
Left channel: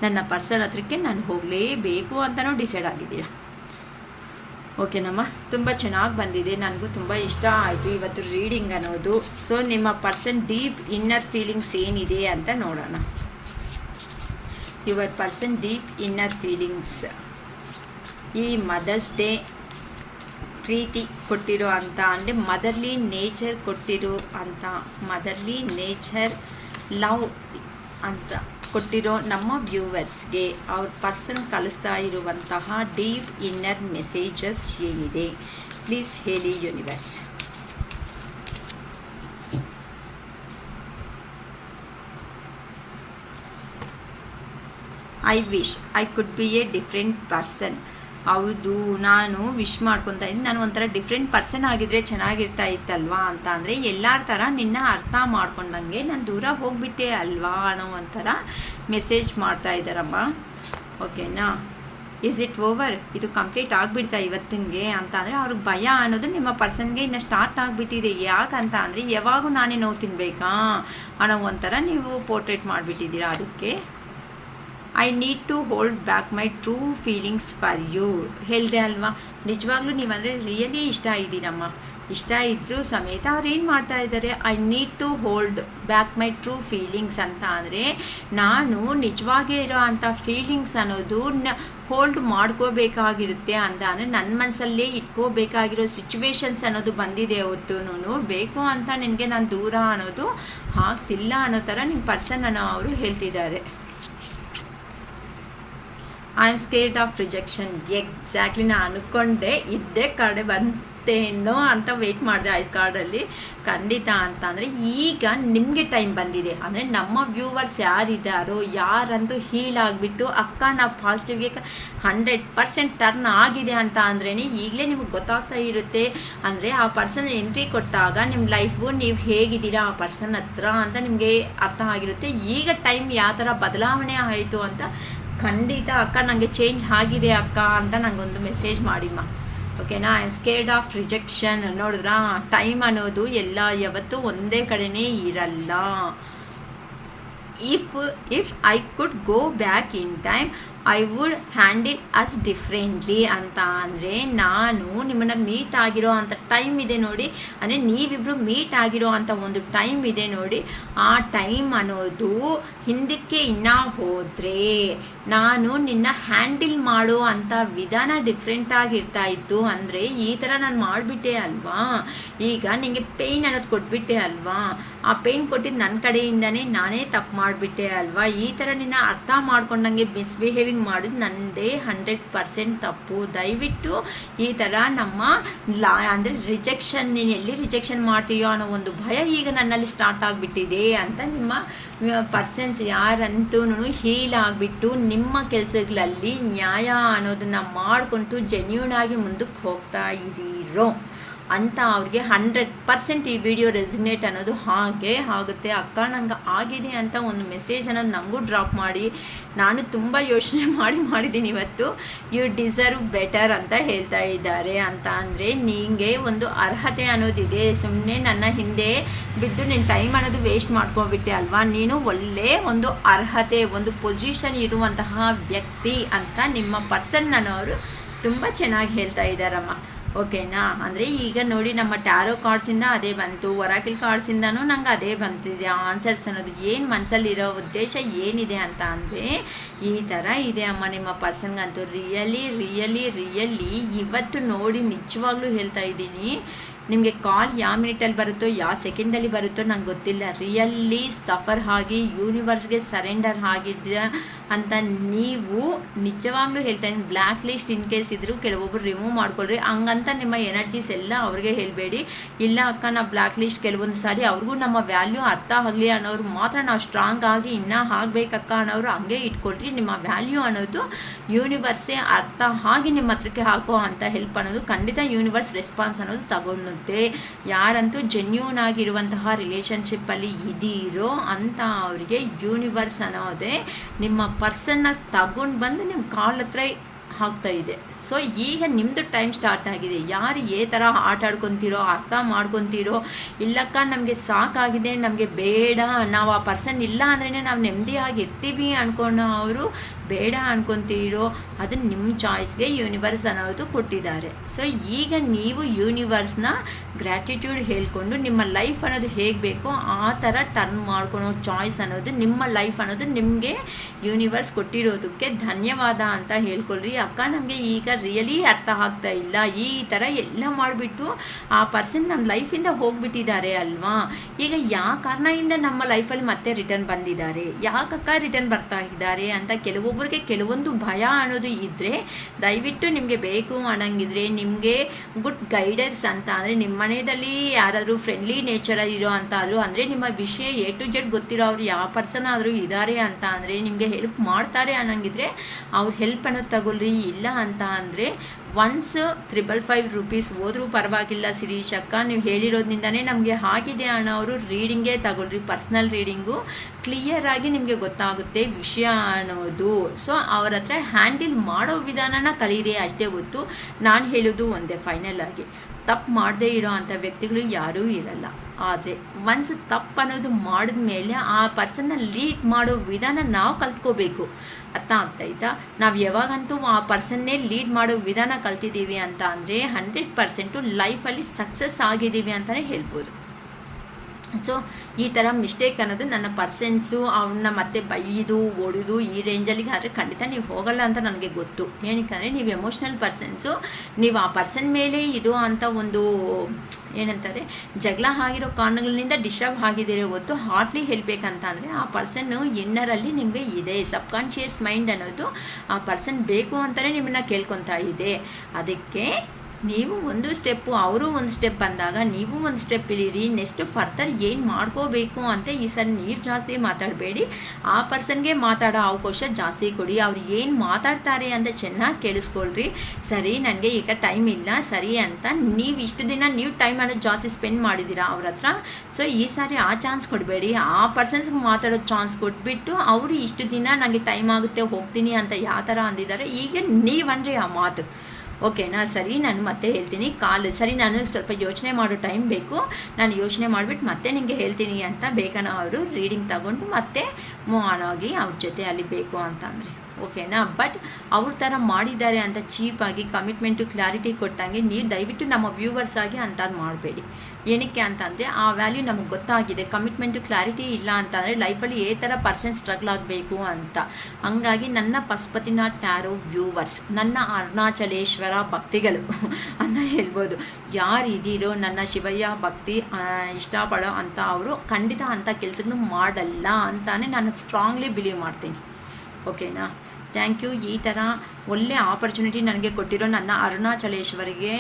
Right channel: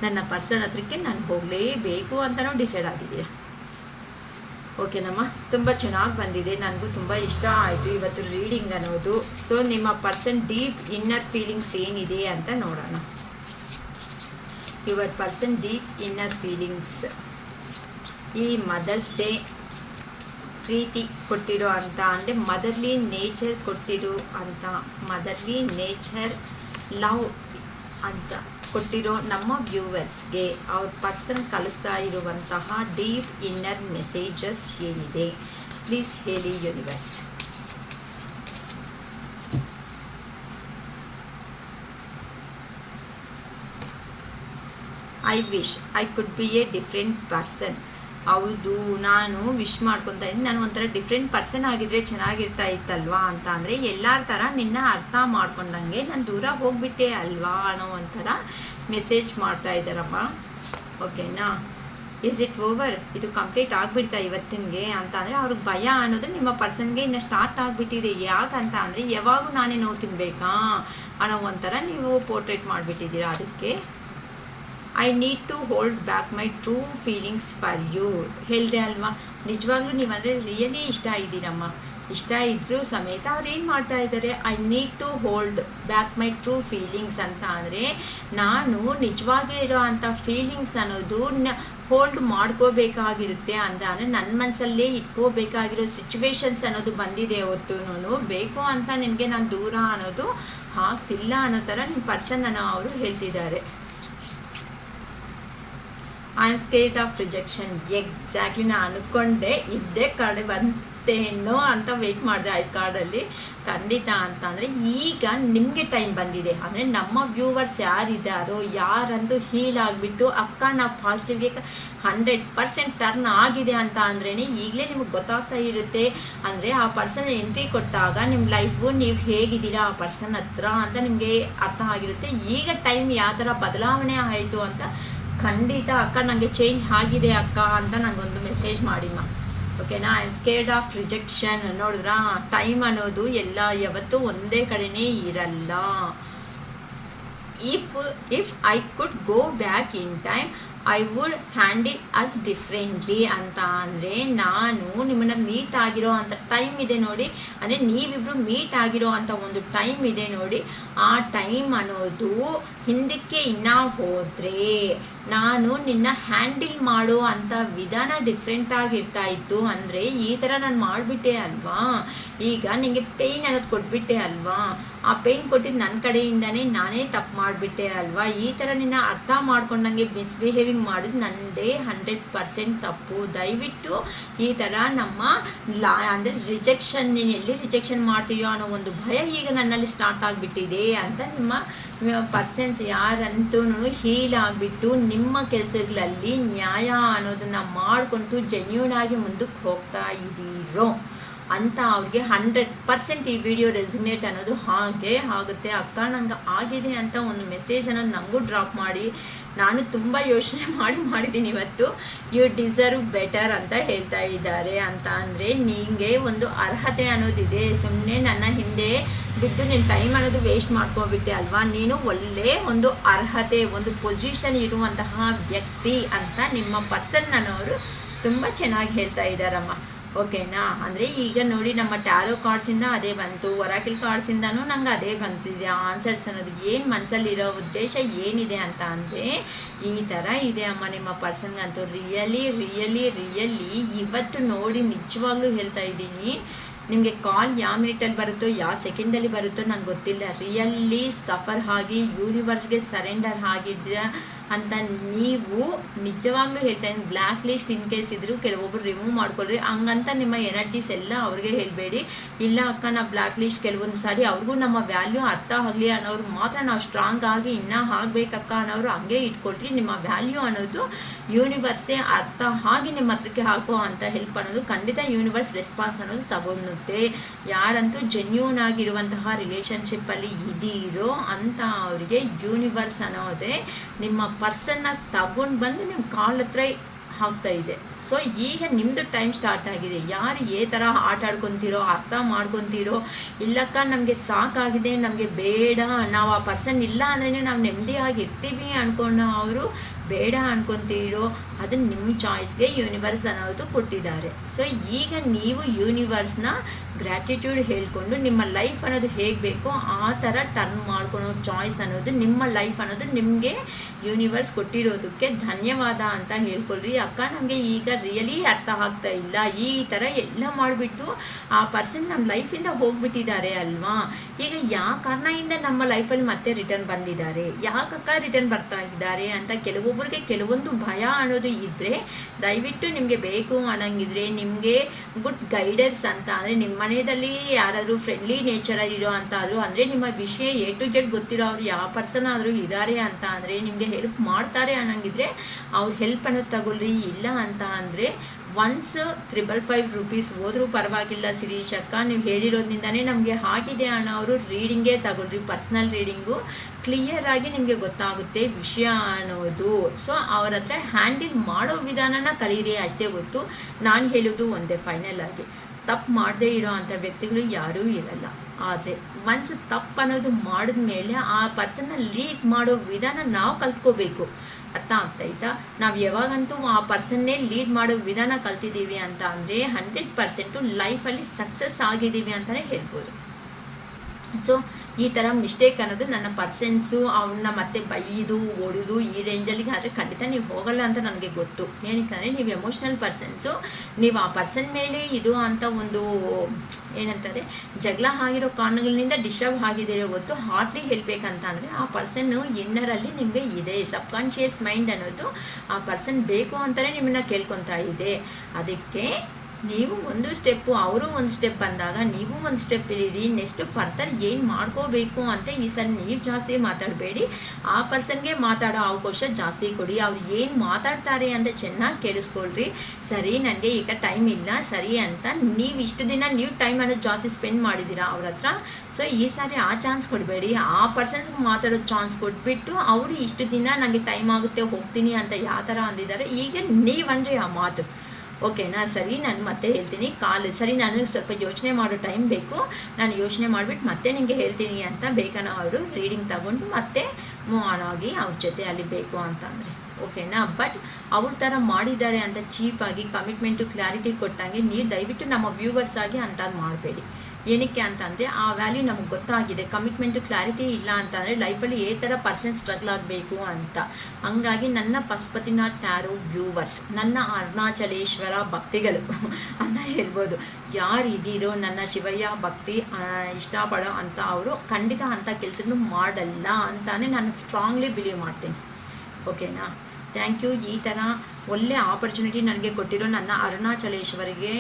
ನನ್ನ ಪರ್ಸನ್ ಹತ್ರಕ್ಕೆ ನಾನು ಹೋಗಲೇಬೇಕು ಅಂತಲೂ ಡಿಸೈಡ್ ಆಗಿದ್ದೀರಾ. ಓಕೆನಮ್ಮ, ತುಂಬ ಚೆನ್ನಾಗಿ ಬಂದಿದೆ, ನನಗೂ ತುಂಬ ಇಷ್ಟ ಆಯಿತು ಇವತ್ತು ರೀಡಿಂಗ್ ಅನ್ನೋದು. ಸೊ ನಿಮ್ಮ ಪರ್ಸನ್ ಡೀಪ್ ಇನ್ನರ್ ಫೀಲಿಂಗ್ಸ್ ಏನಿದೆ ಅಂತ ನೋಡೋಣ. Your person deep inner feelings ಈ ಮದರ್ಸ್ ಡೇ ಪ್ರೀತಿ ಕೊಟ್ಟಿರೋ ಅಂತ ಅಂದರೆ ಮದರ್ಲಿ ನೇಚರ್ ಕೊಟ್ಟಿರೋ ಅಂತ, ಮದರ್ಲಿ ನೇಚರ್ ಲವ್ ಅಂತ ಕೊಟ್ಟಿರೋ ನಮ್ಮ ವ್ಯೂವರ್ಸ್ಗೆ ಅವ್ರ ಪರ್ಸನ್ ಕಲಿಸ್ತಾ ಇರುವಂತಹ ಡೀಪ್ ಇನ್ನರ್ ಮೆಸೇಜಸ್ ಏನಿದೆ ಪ್ಲೀಸ್ ಹೇಳಿ universe. I wish I could be A different person. ಹೌದು, ನಾನು ವಿಶ್ ಮಾಡ್ಕೊತಾ ಇದ್ದೀನಿ ನಾನು ಒಂಥರ ಡಿಫ್ರೆಂಟ್ ಪರ್ಸನ್ ಆಗಿದ್ರೆ ಚೆನ್ನಾಗಿರ್ತಾ ಇತ್ತಲ್ವಾ ಅಂತ ಅಂದರೆ ಎಲ್ಲರ ಥರ ನಿನ್ನ ಅರ್ಥ ಮಾಡ್ಕೊಂಡಂಗೆ ನಾನು ದೂರ ಹೋಗ್ಬಿಟ್ಟೆ ಅಲ್ವಾ ಅನ್ನೋ ಒಂಥರ ಮೆಸೇಜ್ ಮಾಡ್ತಾ ಇದ್ದಾರಮ್ಮ. ಓಕೆನಾ, ಇಸ್ ಇಟ್ ಓವರ್, ಇದು ಕಂಪ್ಲೀಟ್ ಆಗಿಬಿಡ್ತಾ ಇವತ್ತಿನಗೆ ಅಂತ ಅಂದರೆ ಅವ್ರಿಗೆ ಭಯ ಅನ್ನೋದು ನಿಮ್ಮ ಪರ್ಸನ್ಗೆ ಇನ್ನು ಸ್ಟಾರ್ಟ್ ಆಗಿಬಿಟ್ಟಿದೆ. ಯಾಕಂತ ಅಂದರೆ ಯಾವಾಗೂ ನಾನೇ ನೋವು ತಿನ್ಬೇಕಾ ಅನ್ನೋ ಒಂಥರ ನೀವು ಪೋರ್ಟ್ರೇಟ್ ಮಾಡಿಬಿಟ್ಟಿದ್ದೀರಾ. ಅದಕ್ಕೆ I need to hold back my true feelings for you ಹೇಳಿದೆ ಅಲ್ವಾ. ನಿಜವಾಗ್ಲೂ ನೀವಂದರೆ ರಿಯಲಿ ಇಷ್ಟ ಇದ್ದೀರಮ್ಮ, ಇಷ್ಟ ಇದ್ದರೂ ಸಮೇತ ಅವ್ರು ಏನು ಮಾಡ್ತಾ ಇದ್ದಾರೆ, I need to hold back my true feelings ಅಂತ ಅಂದರೆ ನಾನು ನಿಜವಾಗೇ ಇರೋ ಅಂಥ ಫೀಲಿಂಗ್ಸ್ ಅನ್ನೋದು ಹೋಲ್ಡ್ ಮಾಡ್ಕೋಬೇಕಾಗಿರುತ್ತೆ ಅಂತ ಅಂದರೆ ನನ್ನ ಮನಸ್ಸಲ್ಲೇ ಇಟ್ಕೋಬೇಕಾಗಿರೋ ಸಿಚುವೇಶನ್ಸ್ ಅನ್ನೋದು ಬಂದಿದೆ. ಹೊತ್ತು ಬೇಕು ಅಂತ ನಿನಗೆ ನಾನು ದೂರ ಅನ್ನೋದು ಆಗ್ತಿಲ್ಲ ಅನ್ನೋ ಥರ ನಿಮ್ಮ ಪರ್ಸನ್ ಅನ್ನೋ ಅವರು ಹೇಳ್ತಿದ್ದಾರೆ. I am scared of rejection. Exactly ನಾನು ಅನ್ಕೊಂಡೆ ಇದ್ದೇ ಕಡೆ ಬರುತ್ತೇನೋ ಅಂತ ವೆಯ್ಟ್ ಮಾಡಿದೆ 5 ಕಾರ್ಡಲ್ಲಿ. ಖಂಡಿತ ಅಂತಂದರೆ ಈಗ ನಿಮಗೆ ಟೈಮ್ ಬಂದಿದೆ. ಅಂದರೆ ನಮ್ಮ ವ್ಯೂವರ್ಸ್ ಯಾರಿದ್ದಾರೋ, ಯಾರಂತೂ ಹೀಲ್ ಆಗಿಬಿಟ್ಟು ಅಕ್ಕ ನಾವು ಪಾಸಿಟಿವ್ಗೆ 100% ಟರ್ನ್ ಆಗಿದೆ ಅಂತ ಅಂದ್ರೇ ಈಗಲೇ ನಿಮಗೆ ಗೊತ್ತಾಗ್ತಾ ಇರುತ್ತೆ. ಅಂದರೆ ಆ ಪರ್ಸನ್ ಎಂಟ್ರಿ ಕೊಟ್ಟಾಗ ನಿಮ್ಮ ಲೈಫು ನೀವು ಹೇಗಿದ್ದೀರಾ ಆ ಪರ್ಸನ್ ಹತ್ರ ಅಂತ ನಿಮಗೆ ಅರ್ಥ ಆಗಿರುತ್ತೆ. ಈಗ ಟೈಮ್ ಯಾವ ಥರ ಬದಲಾವಣೆ ಆಯಿತು ಅಂತ. ಖಂಡಿತ ಅಕ್ಕ ನನಗೆ ಚೇಂಜ್ ಆಗಿದೆ ಅಕ್ಕ ಅಂತ ನನಗೊಂದು ಮೆಸೇಜ್ ಮಾಡಿಮ್ಮ. ಓಕೆನಾ? I am scared of rejection. ನೋಡಿದ್ರಾ, ಟೈಮ್ ಅನ್ನೋದು ಎಲ್ಲ ಯಾವತ್ತೂ ಒಂದೇ ಕಡೆನೇ ಇರಲ್ಲ. if I could go back in time I would handle us differently ಅಂತ ಅಂದರೆ ನಾನು ನಿಮ್ಮನ್ನು ಮೀಟ್ ಆಗಿರೋ ಅಂಥ ಟೈಮ್ ಇದೆ ನೋಡಿ, ಅಂದರೆ ನೀವಿಬ್ಬರು ಮೀಟ್ ಆಗಿರೋ ಅಂಥ ಒಂದು ಟೈಮ್ ಇದೆ ನೋಡಿ, ಆ ಟೈಮ್ ಅನ್ನೋದು ಹಿಂದಕ್ಕೆ ಇನ್ನೂ ಹೋದರೆ ನಾನು ನಿನ್ನ ಹ್ಯಾಂಡಲ್ ಮಾಡೋ ಅಂಥ ವಿಧಾನ ಡಿಫ್ರೆಂಟ್ ಆಗಿರ್ತಾ ಇತ್ತು. ಅಂದರೆ ಈ ಥರ ನಾನು ಮಾಡಿಬಿಟ್ಟೆ ಅಲ್ವಾ, ಈಗ ನಿಮಗೆ ಪೇಯ್ನ್ ಅನ್ನೋದು ಕೊಟ್ಬಿಟ್ಟೆ ಅಲ್ವಾ, ಆ ಪೇಯ್ನ್ ಕೊಟ್ಟಿದ್ದು ನನ್ನ ಕಡೆಯಿಂದನೇ ನಾನೇ ತಪ್ಪು ಮಾಡಿಬಿಟ್ಟೆ ಅಲ್ವಾ, ಈ ಥರ ನಿನ್ನ ಅರ್ಥ ಮಾಡ್ಕೊಂಡಂಗೆ ಮಿಸ್ಬಿಹೇವಿಂಗ್ ಮಾಡಿದ್ದು ನನ್ನದೇ 100% ತಪ್ಪು. ದಯವಿಟ್ಟು ಈ ಥರ ನಮ್ಮ ಅಂದರೆ ರಿಜೆಕ್ಷನ್, ನೀನು ಎಲ್ಲಿ ರಿಜೆಕ್ಷನ್ ಮಾಡ್ತೀಯೋ ಅನ್ನೋ ಒಂದು ಭಯ ಈಗ ನನ್ನಲ್ಲಿ ಸ್ಟಾರ್ಟ್ ಆಗಿಬಿಟ್ಟಿದೆ ಅಂತ ನಿಮ್ಮ ಪರ್ಸನ್ಸ್ ಯಾರಂತೂ ಹೀಲ್ ಆಗಿಬಿಟ್ಟು ನಿಮ್ಮ ಕೆಲಸಗಳಲ್ಲಿ ನ್ಯಾಯ ಅನ್ನೋದನ್ನ ಮಾಡಿಕೊಂಡು ಜೆನ್ಯೂನ್ ಆಗಿ ಮುಂದಕ್ಕೆ ಹೋಗ್ತಾ ಇದ್ದೀರೋ ಅಂತ ಅವ್ರಿಗೆ 100% ಈ ವಿಡಿಯೋ ರೆಸಿನೇಟ್ ಅನ್ನೋದು ಹಾಗೆ ಆಗುತ್ತೆ. ಅಕ್ಕ ನಂಗೆ ಆಗಿದೆ ಅಂತ ಒಂದು ಮೆಸೇಜ್ ಅನ್ನೋದು ನನಗೂ ಡ್ರಾಪ್ ಮಾಡಿ. ನಾನು ತುಂಬ ಯೋಚನೆ ಮಾಡಿದ್ದೀನಿ ಇವತ್ತು. ಯು ಡಿಸರ್ವ್ ಬೆಟರ್ ಅಂತ ಹೇಳ್ತಾ ಇದ್ದಾರೆ. ಅಂತ ಅಂದರೆ ನಿಮಗೆ ಒಂದು ಅರ್ಹತೆ ಅನ್ನೋದಿದೆ. ಸುಮ್ಮನೆ ನನ್ನ ಹಿಂದೆ ಬಿದ್ದು ನಿನ್ನ ಟೈಮ್ ಅನ್ನೋದು ವೇಸ್ಟ್ ಮಾಡ್ಕೊಂಡ್ಬಿಟ್ಟೆ ಅಲ್ವಾ, ನೀನು ಒಳ್ಳೆ ಒಂದು ಅರ್ಹತೆ, ಒಂದು ಪೊಸಿಷನ್ ಇರುವಂತಹ ವ್ಯಕ್ತಿ ಅಂತ ನಿಮ್ಮ ಪರ್ಸನ್ ಅನ್ನೋರು ತುಂಬ ಚೆನ್ನಾಗಿ ಹೇಳ್ತಾ ಇದ್ದಾರಮ್ಮ. ಓಕೆನಾ? ಅಂದರೆ ಈಗ ನೋಡಿ, ನಮ್ಮ ಟ್ಯಾರೋ ಕಾರ್ಡ್ಸಿಂದ ಅದೇ ಬಂತು, ಒರಾಕಲ್ ಕಾರ್ಡ್ಸಿಂದನೂ ನಂಗೆ ಅದೇ ಬಂತಿದೆ ಆನ್ಸರ್ಸ್ ಅನ್ನೋದು. ಏನು ಮನಸ್ಸಲ್ಲಿರೋ ಉದ್ದೇಶ ಏನಿದೆ ಅಂತ ಅಂದರೆ ಈ ಥರ ಇದೆ ಅಮ್ಮ ನಿಮ್ಮ ಪರ್ಸನ್ಗಂತೂ. ರಿಯಲಿ ಇವತ್ತು ನೋಡಿ ನಿಜವಾಗ್ಲೂ ಹೇಳ್ತಾ ಇದ್ದೀನಿ, ನಿಮಗೆ ಕಾಲ್ ಯಾವ ಮಿನಿಟಲ್ಲಿ ಬರುತ್ತೋ ಯಾವ ಸೆಕೆಂಡಲ್ಲಿ ಬರುತ್ತೋ ನಂಗೆ ಗೊತ್ತಿಲ್ಲ. ರಿಯಲಿ ಸಫರ್ ಆಗಿ ಯೂನಿವರ್ಸ್ಗೆ ಸರೆಂಡರ್ ಆಗಿದ್ದ ಅಂತ ನೀವು ನಿಜವಾಗ್ಲೂ ಹೇಳ್ತಾ ಇದ್ದೀನಿ. ಬ್ಲ್ಯಾಕ್ ಲಿಸ್ಟ್ ಇನ್ ಕೇಸ್ ಇದ್ದರೂ ಕೆಲವೊಬ್ರು ರಿಮೂವ್ ಮಾಡ್ಕೊಳ್ರಿ. ಹಂಗಂತ ನಿಮ್ಮ ಎನರ್ಜೀಸ್ ಎಲ್ಲ ಅವ್ರಿಗೆ ಹೇಳಬೇಡಿ. ಇಲ್ಲ ಅಕ್ಕ ನಾವು ಬ್ಲ್ಯಾಕ್ ಲಿಸ್ಟ್ ಕೆಲವೊಂದು ಸಾರಿ ಅವ್ರಿಗೂ ನಮ್ಮ ವ್ಯಾಲ್ಯೂ ಅರ್ಥ ಆಗಲಿ ಅನ್ನೋರು ಮಾತ್ರ ನಾವು ಸ್ಟ್ರಾಂಗ್ ಆಗಿ ಇನ್ನೂ ಆಗಬೇಕಕ್ಕ ಅನ್ನೋರು ಹಂಗೆ ಇಟ್ಕೊಳ್ರಿ. ನಿಮ್ಮ ವ್ಯಾಲ್ಯೂ ಅನ್ನೋದು ಯೂನಿವರ್ಸೇ ಅರ್ಥ ಆಗಿ ನಿಮ್ಮ ಹತ್ರಕ್ಕೆ ಹಾಕೋ ಅಂತ ಹೆಲ್ಪ್ ಅನ್ನೋದು ಖಂಡಿತ ಯೂನಿವರ್ಸ್ ರೆಸ್ಪಾನ್ಸ್ ಅನ್ನೋದು ತಗೊಂಡು ಯಾರಂತೂ ಜೆನ್ಯೂನ್ ಆಗಿರುವಂತಹ ರಿಲೇಶನ್ಶಿಪ್ಪಲ್ಲಿ ಇದೀರೋ ಅಂತ ಅವರಿಗೆ ಯೂನಿವರ್ಸ್ ಅನ್ನೋದೇ ನಿಮ್ಮ ಪರ್ಸನ್ನ ತಗೊಂಡು ಬಂದು ನಿಮ್ಮ ಕಾಲ್ ಹತ್ರ ಆಗ್ತಾ ಇದೆ. ಸೊ ಈಗ ನಿಮ್ಮದು ಟೈಮ್ ಸ್ಟಾರ್ಟ್ ಆಗಿದೆ. ಯಾರು ಥರ ಆಟ ಆಡ್ಕೊತೀರೋ, ಅರ್ಥ ಮಾಡ್ಕೊತೀರೋ, ಇಲ್ಲಕ್ಕ ನಮಗೆ ಸಾಕಾಗಿದೆ, ನಮಗೆ ಬೇಡ, ನಾವು ಆ ಪರ್ಸನ್ ಇಲ್ಲ ಅಂದ್ರೆ ನಾವು ನೆಮ್ಮದಿಯಾಗಿರ್ತೀವಿ ಅನ್ಕೊಂಡು ಅವರು ಬೇಡ ಅನ್ಕೊತೀರೋ, ಅದನ್ನು ನಿಮ್ಮ ಚಾಯ್ಸ್ಗೆ ಯೂನಿವರ್ಸ್ ಅನ್ನೋದು ಕೊಟ್ಟಿದ್ದಾರೆ. ಸೊ ಈಗ ನೀವು ಯೂನಿವರ್ಸ್ನ ಗ್ರ್ಯಾಟಿಟ್ಯೂಡ್ ಹೇಳ್ಕೊಂಡು ನಿಮ್ಮ ಲೈಫ್ ಅನ್ನೋದು ಹೇಗೆ ಬೇಕೋ ಆ ಥರ ಟರ್ನ್ ಮಾಡ್ಕೊಳೋ ಚಾಯ್ಸ್ ಅನ್ನೋದು ನಿಮ್ಮ ಲೈಫ್ ಅನ್ನೋದು ನಿಮಗೆ ಯೂನಿವರ್ಸ್ ಕೊಟ್ಟಿರೋದಕ್ಕೆ ಧನ್ಯವಾದ ಅಂತ ಹೇಳ್ಕೊಳ್ರಿ. ಅಕ್ಕ ನಮಗೆ ಈಗ ರಿಯಲಿ ಅರ್ಥ ಆಗ್ತಾ ಇಲ್ಲ, ಈ ಥರ ಎಲ್ಲ ಮಾಡಿಬಿಟ್ಟು ಆ ಪರ್ಸನ್ ನಮ್ಮ ಲೈಫಿಂದ ಹೋಗ್ಬಿಟ್ಟಿದ್ದಾರೆ ಅಲ್ವಾ, ಈಗ ಯಾವ ಕಾರಣದಿಂದ ನಮ್ಮ ಲೈಫಲ್ಲಿ ಮತ್ತೆ ರಿಟರ್ನ್ ಬಂದಿದ್ದಾರೆ, ಯಾಕಕ್ಕ ರಿಟರ್ನ್ ಬರ್ತಾ ಇದ್ದಾರೆ ಅಂತ ಕೆಲವೊಬ್ಬರಿಗೆ ಕೆಲವೊಂದು ಭಯ ಅನ್ನೋದು ಇದ್ದರೆ ದಯವಿಟ್ಟು ನಿಮಗೆ ಬೇಕು ಅನ್ನಂಗಿದ್ರೆ ನಿಮಗೆ ಗುಡ್ ಗೈಡೆನ್ಸ್ ಅಂತ ಅಂದರೆ ನಿಮ್ಮ ಮನೆಯಲ್ಲಿ ಯಾರಾದರೂ ಫ್ರೆಂಡ್ಲಿ ನೇಚರ್ ಇರೋ ಅಂತಾದರೂ ಅಂದರೆ ನಿಮ್ಮ ವಿಷಯ A to Z ಗೊತ್ತಿರೋ ಅವ್ರು ಯಾವ ಪರ್ಸನ್ ಆದರೂ ಇದ್ದಾರೆ ಅಂತ ಅಂದರೆ ನಿಮಗೆ ಹೆಲ್ಪ್ ಮಾಡ್ತಾರೆ ಅನ್ನಂಗಿದ್ರೆ ಅವ್ರ ಹೆಲ್ಪ್ ಅನ್ನೋದು ತಗೊಳ್ರಿ. ಇಲ್ಲ ಅಂತ ಅಂದರೆ ಒನ್ಸ್ 555 ರೂಪೀಸ್ ಹೋದ್ರೂ ಪರವಾಗಿಲ್ಲ ಶಿರೀಶ್ ಅಕ್ಕ, ನೀವು ಹೇಳಿರೋದ್ರಿಂದನೇ ನಮಗೆ ಆಗಿದೆ ಅನ್ನೋರು ರೀಡಿಂಗೇ ತಗೊಳ್ರಿ. ಪರ್ಸ್ನಲ್ ರೀಡಿಂಗು ಕ್ಲಿಯರ್ ಆಗಿ ನಿಮಗೆ ಗೊತ್ತಾಗುತ್ತೆ ವಿಷಯ ಅನ್ನೋದು. ಸೊ ಅವ್ರ ಹತ್ರ ಹ್ಯಾಂಡಲ್ ಮಾಡೋ ವಿಧಾನನ ಕಲೀರಿ ಅಷ್ಟೇ ಹೊತ್ತು. ನಾನು ಹೇಳೋದು ಒಂದೇ, ಫೈನಲ್ ಆಗಿ ತಪ್ಪು ಮಾಡದೇ ಇರೋ ಅಂಥ ವ್ಯಕ್ತಿಗಳು ಯಾರೂ ಇರಲ್ಲ. ಆದರೆ ಮನ್ಸು ತಪ್ಪು ಅನ್ನೋದು ಮಾಡಿದ ಮೇಲೆ ಆ ಪರ್ಸನ್ನ ಲೀಡ್ ಮಾಡೋ ವಿಧಾನ ನಾವು ಕಲ್ತ್ಕೋಬೇಕು. ಅರ್ಥ ಆಗ್ತಾಯಿತಾ? ನಾವು ಯಾವಾಗಂತೂ ಆ ಪರ್ಸನ್ನೇ ಲೀಡ್ ಮಾಡೋ ವಿಧಾನ ಕಲ್ತಿದ್ದೀವಿ ಅಂತ ಅಂದರೆ 100% ಲೈಫಲ್ಲಿ ಸಕ್ಸಸ್ ಆಗಿದ್ದೀವಿ ಅಂತಲೇ ಹೇಳ್ಬೋದು. ಸೊ ಈ ಥರ ಮಿಸ್ಟೇಕ್ ಅನ್ನೋದು ನನ್ನ ಪರ್ಸನ್ಸು ಅವನ್ನ ಮತ್ತೆ ಬೈದು ಓಡೋದು ಈ ರೇಂಜಲ್ಲಿಗೆ ಆದರೆ ಖಂಡಿತ ನೀವು ಹೋಗಲ್ಲ ಅಂತ ನನಗೆ ಗೊತ್ತು. ಏನಕ್ಕಂದರೆ ನೀವು ಎಮೋಷ್ನಲ್ ಪರ್ಸನ್ಸು, ನೀವು ಆ ಪರ್ಸನ್ ಮೇಲೆ ಇರೋ ಅಂಥ ಒಂದು ಏನಂತಾರೆ ಜಗಳ ಆಗಿರೋ ಕಾರಣಗಳಿಂದ ಡಿಸ್ಟರ್ಬ್ ಆಗಿದ್ದೀರೋ ಗೊತ್ತು. ಹಾರ್ಟ್ಲಿ ಹೇಳಬೇಕಂತ ಅಂದರೆ ಆ ಪರ್ಸನ್ನು ಇನ್ನರಲ್ಲಿ ನಿಮಗೆ ಇದೆ. ಸಬ್ಕಾನ್ಷಿಯಸ್ ಮೈಂಡ್ ಅನ್ನೋದು ಆ ಪರ್ಸನ್ ಬೇಕು ಅಂತಲೇ ನಿಮ್ಮನ್ನ ಕೇಳ್ಕೊತಾ ಇದೆ. ಅದಕ್ಕೆ ನೀವು ಒಂದು ಸ್ಟೆಪ್ಪು, ಅವರು ಒಂದು ಸ್ಟೆಪ್ ಬಂದಾಗ ನೀವು ಒಂದು ಸ್ಟೆಪ್ ಇಲ್ಲಿರಿ. ನೆಕ್ಸ್ಟ್ ಫರ್ದರ್ ಏನು ಮಾಡ್ಕೋಬೇಕು ಅಂತ ಈ ಸಲ ನೀವು ಜಾಸ್ತಿ ಮಾತಾಡಬೇಡಿ. ಆ ಪರ್ಸನ್ಗೆ ಮಾತಾಡೋ ಅವಕಾಶ ಜಾಸ್ತಿ ಕೊಡಿ. ಅವ್ರು ಏನು ಮಾತಾಡ್ತಾರೆ ಅಂತ ಚೆನ್ನಾಗಿ ಕೇಳಿಸ್ಕೊಳ್ರಿ. ಸರಿ, ನನಗೆ ಈಗ ಟೈಮ್ ಇಲ್ಲ ಸರಿ ಅಂತ ನೀವು ಇಷ್ಟು ದಿನ ನೀವು ಟೈಮ್ ಅನ್ನೋದು ಜಾಸ್ತಿ ಸ್ಪೆಂಡ್ ಮಾಡಿದ್ದೀರಾ ಅವ್ರ ಹತ್ರ. ಸೊ ಈ ಸಾರಿ ಆ ಚಾನ್ಸ್ ಕೊಡಬೇಡಿ. ಆ ಪರ್ಸನ್ಸ್ಗೆ ಮಾತಾಡೋ ಚಾನ್ಸ್ ಕೊಟ್ಬಿಟ್ಟು ಅವರು ಇಷ್ಟು ದಿನ ನನಗೆ ಟೈಮ್ ಆಗುತ್ತೆ ಹೋಗ್ತೀನಿ ಅಂತ ಯಾವ ಥರ ಅಂದಿದ್ದಾರೆ, ಈಗ ನೀವನ್ರಿ ಆ ಮಾತು. ಓಕೆನಾ? ಸರಿ, ನಾನು ಮತ್ತೆ ಹೇಳ್ತೀನಿ ಸರಿ, ನಾನು ಸ್ವಲ್ಪ ಯೋಚನೆ ಮಾಡೋ ಟೈಮ್ ಬೇಕು, ನಾನು ಯೋಚನೆ ಮಾಡಿಬಿಟ್ಟು ಮತ್ತೆ ನಿಮಗೆ ಹೇಳ್ತೀನಿ ಅಂತ ಬೇಕನ ಅವರು ರೀಡಿಂಗ್ ತಗೊಂಡು ಮತ್ತೆ ಮೂವ್ ಆನ್ ಆಗಿ ಅವ್ರ ಜೊತೆ ಅಲ್ಲಿ ಬೇಕು ಅಂತ ಅಂದರೆ ಓಕೆನಾ. ಬಟ್ ಅವ್ರ ಥರ ಮಾಡಿದ್ದಾರೆ ಅಂತ ಚೀಪಾಗಿ ಕಮಿಟ್ಮೆಂಟು ಕ್ಲಾರಿಟಿ ಕೊಟ್ಟಂಗೆ ನೀವು ದಯವಿಟ್ಟು ನಮ್ಮ ವ್ಯೂವರ್ಸ್ ಆಗಿ ಅಂಥದ್ದು ಮಾಡಬೇಡಿ. ಏನಕ್ಕೆ ಅಂತಂದರೆ ಆ ವ್ಯಾಲ್ಯೂ ನಮ್ಗೆ ಗೊತ್ತಾಗಿದೆ. ಕಮಿಟ್ಮೆಂಟು ಕ್ಲಾರಿಟಿ ಇಲ್ಲ ಅಂತಂದರೆ ಲೈಫಲ್ಲಿ ಏ ಥರ ಪರ್ಸನ್ ಸ್ಟ್ರಗಲ್ ಆಗಬೇಕು ಅಂತ. ಹಂಗಾಗಿ ನನ್ನ ಪಶುಪತಿನಾಥ್ ಟ್ಯಾರೋ ವ್ಯೂವರ್ಸ್, ನನ್ನ ಅರುಣಾಚಲೇಶ್ವರ ಭಕ್ತಿಗಳು ಅಂತ ಹೇಳ್ಬೋದು, ಯಾರಿದ್ದೀರೋ ನನ್ನ ಶಿವಯ್ಯ ಭಕ್ತಿ ಇಷ್ಟಪಡೋ ಅಂತ ಅವರು ಖಂಡಿತ ಅಂಥ ಕೆಲಸನೂ ಮಾಡಲ್ಲ ಅಂತಾನೆ ನಾನು ಸ್ಟ್ರಾಂಗ್ಲಿ ಬಿಲೀವ್ ಮಾಡ್ತೀನಿ. ಓಕೆನಾ? Thank you. ಈ ಥರ ಒಳ್ಳೆ ಆಪರ್ಚುನಿಟಿ ನನಗೆ ಕೊಟ್ಟಿರೋ ನನ್ನ ಅರುಣಾಚಲೇಶ್ವರಿಗೆ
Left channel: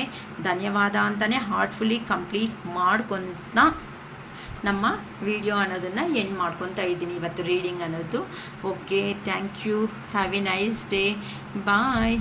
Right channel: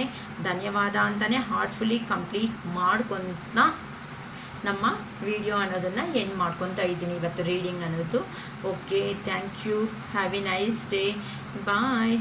ಧನ್ಯವಾದ ಅಂತಲೇ ಹಾರ್ಟ್ಫುಲ್ಲಿ ಕಂಪ್ಲೀಟ್ ಮಾಡ್ಕೊತ ನಮ್ಮ ವಿಡಿಯೋ ಅನ್ನೋದನ್ನು ಎಂಡ್ ಮಾಡ್ಕೊತಾ ಇದ್ದೀನಿ ಇವತ್ತು ರೀಡಿಂಗ್ ಅನ್ನೋದು. Okay, thank you. Have a nice day. Bye.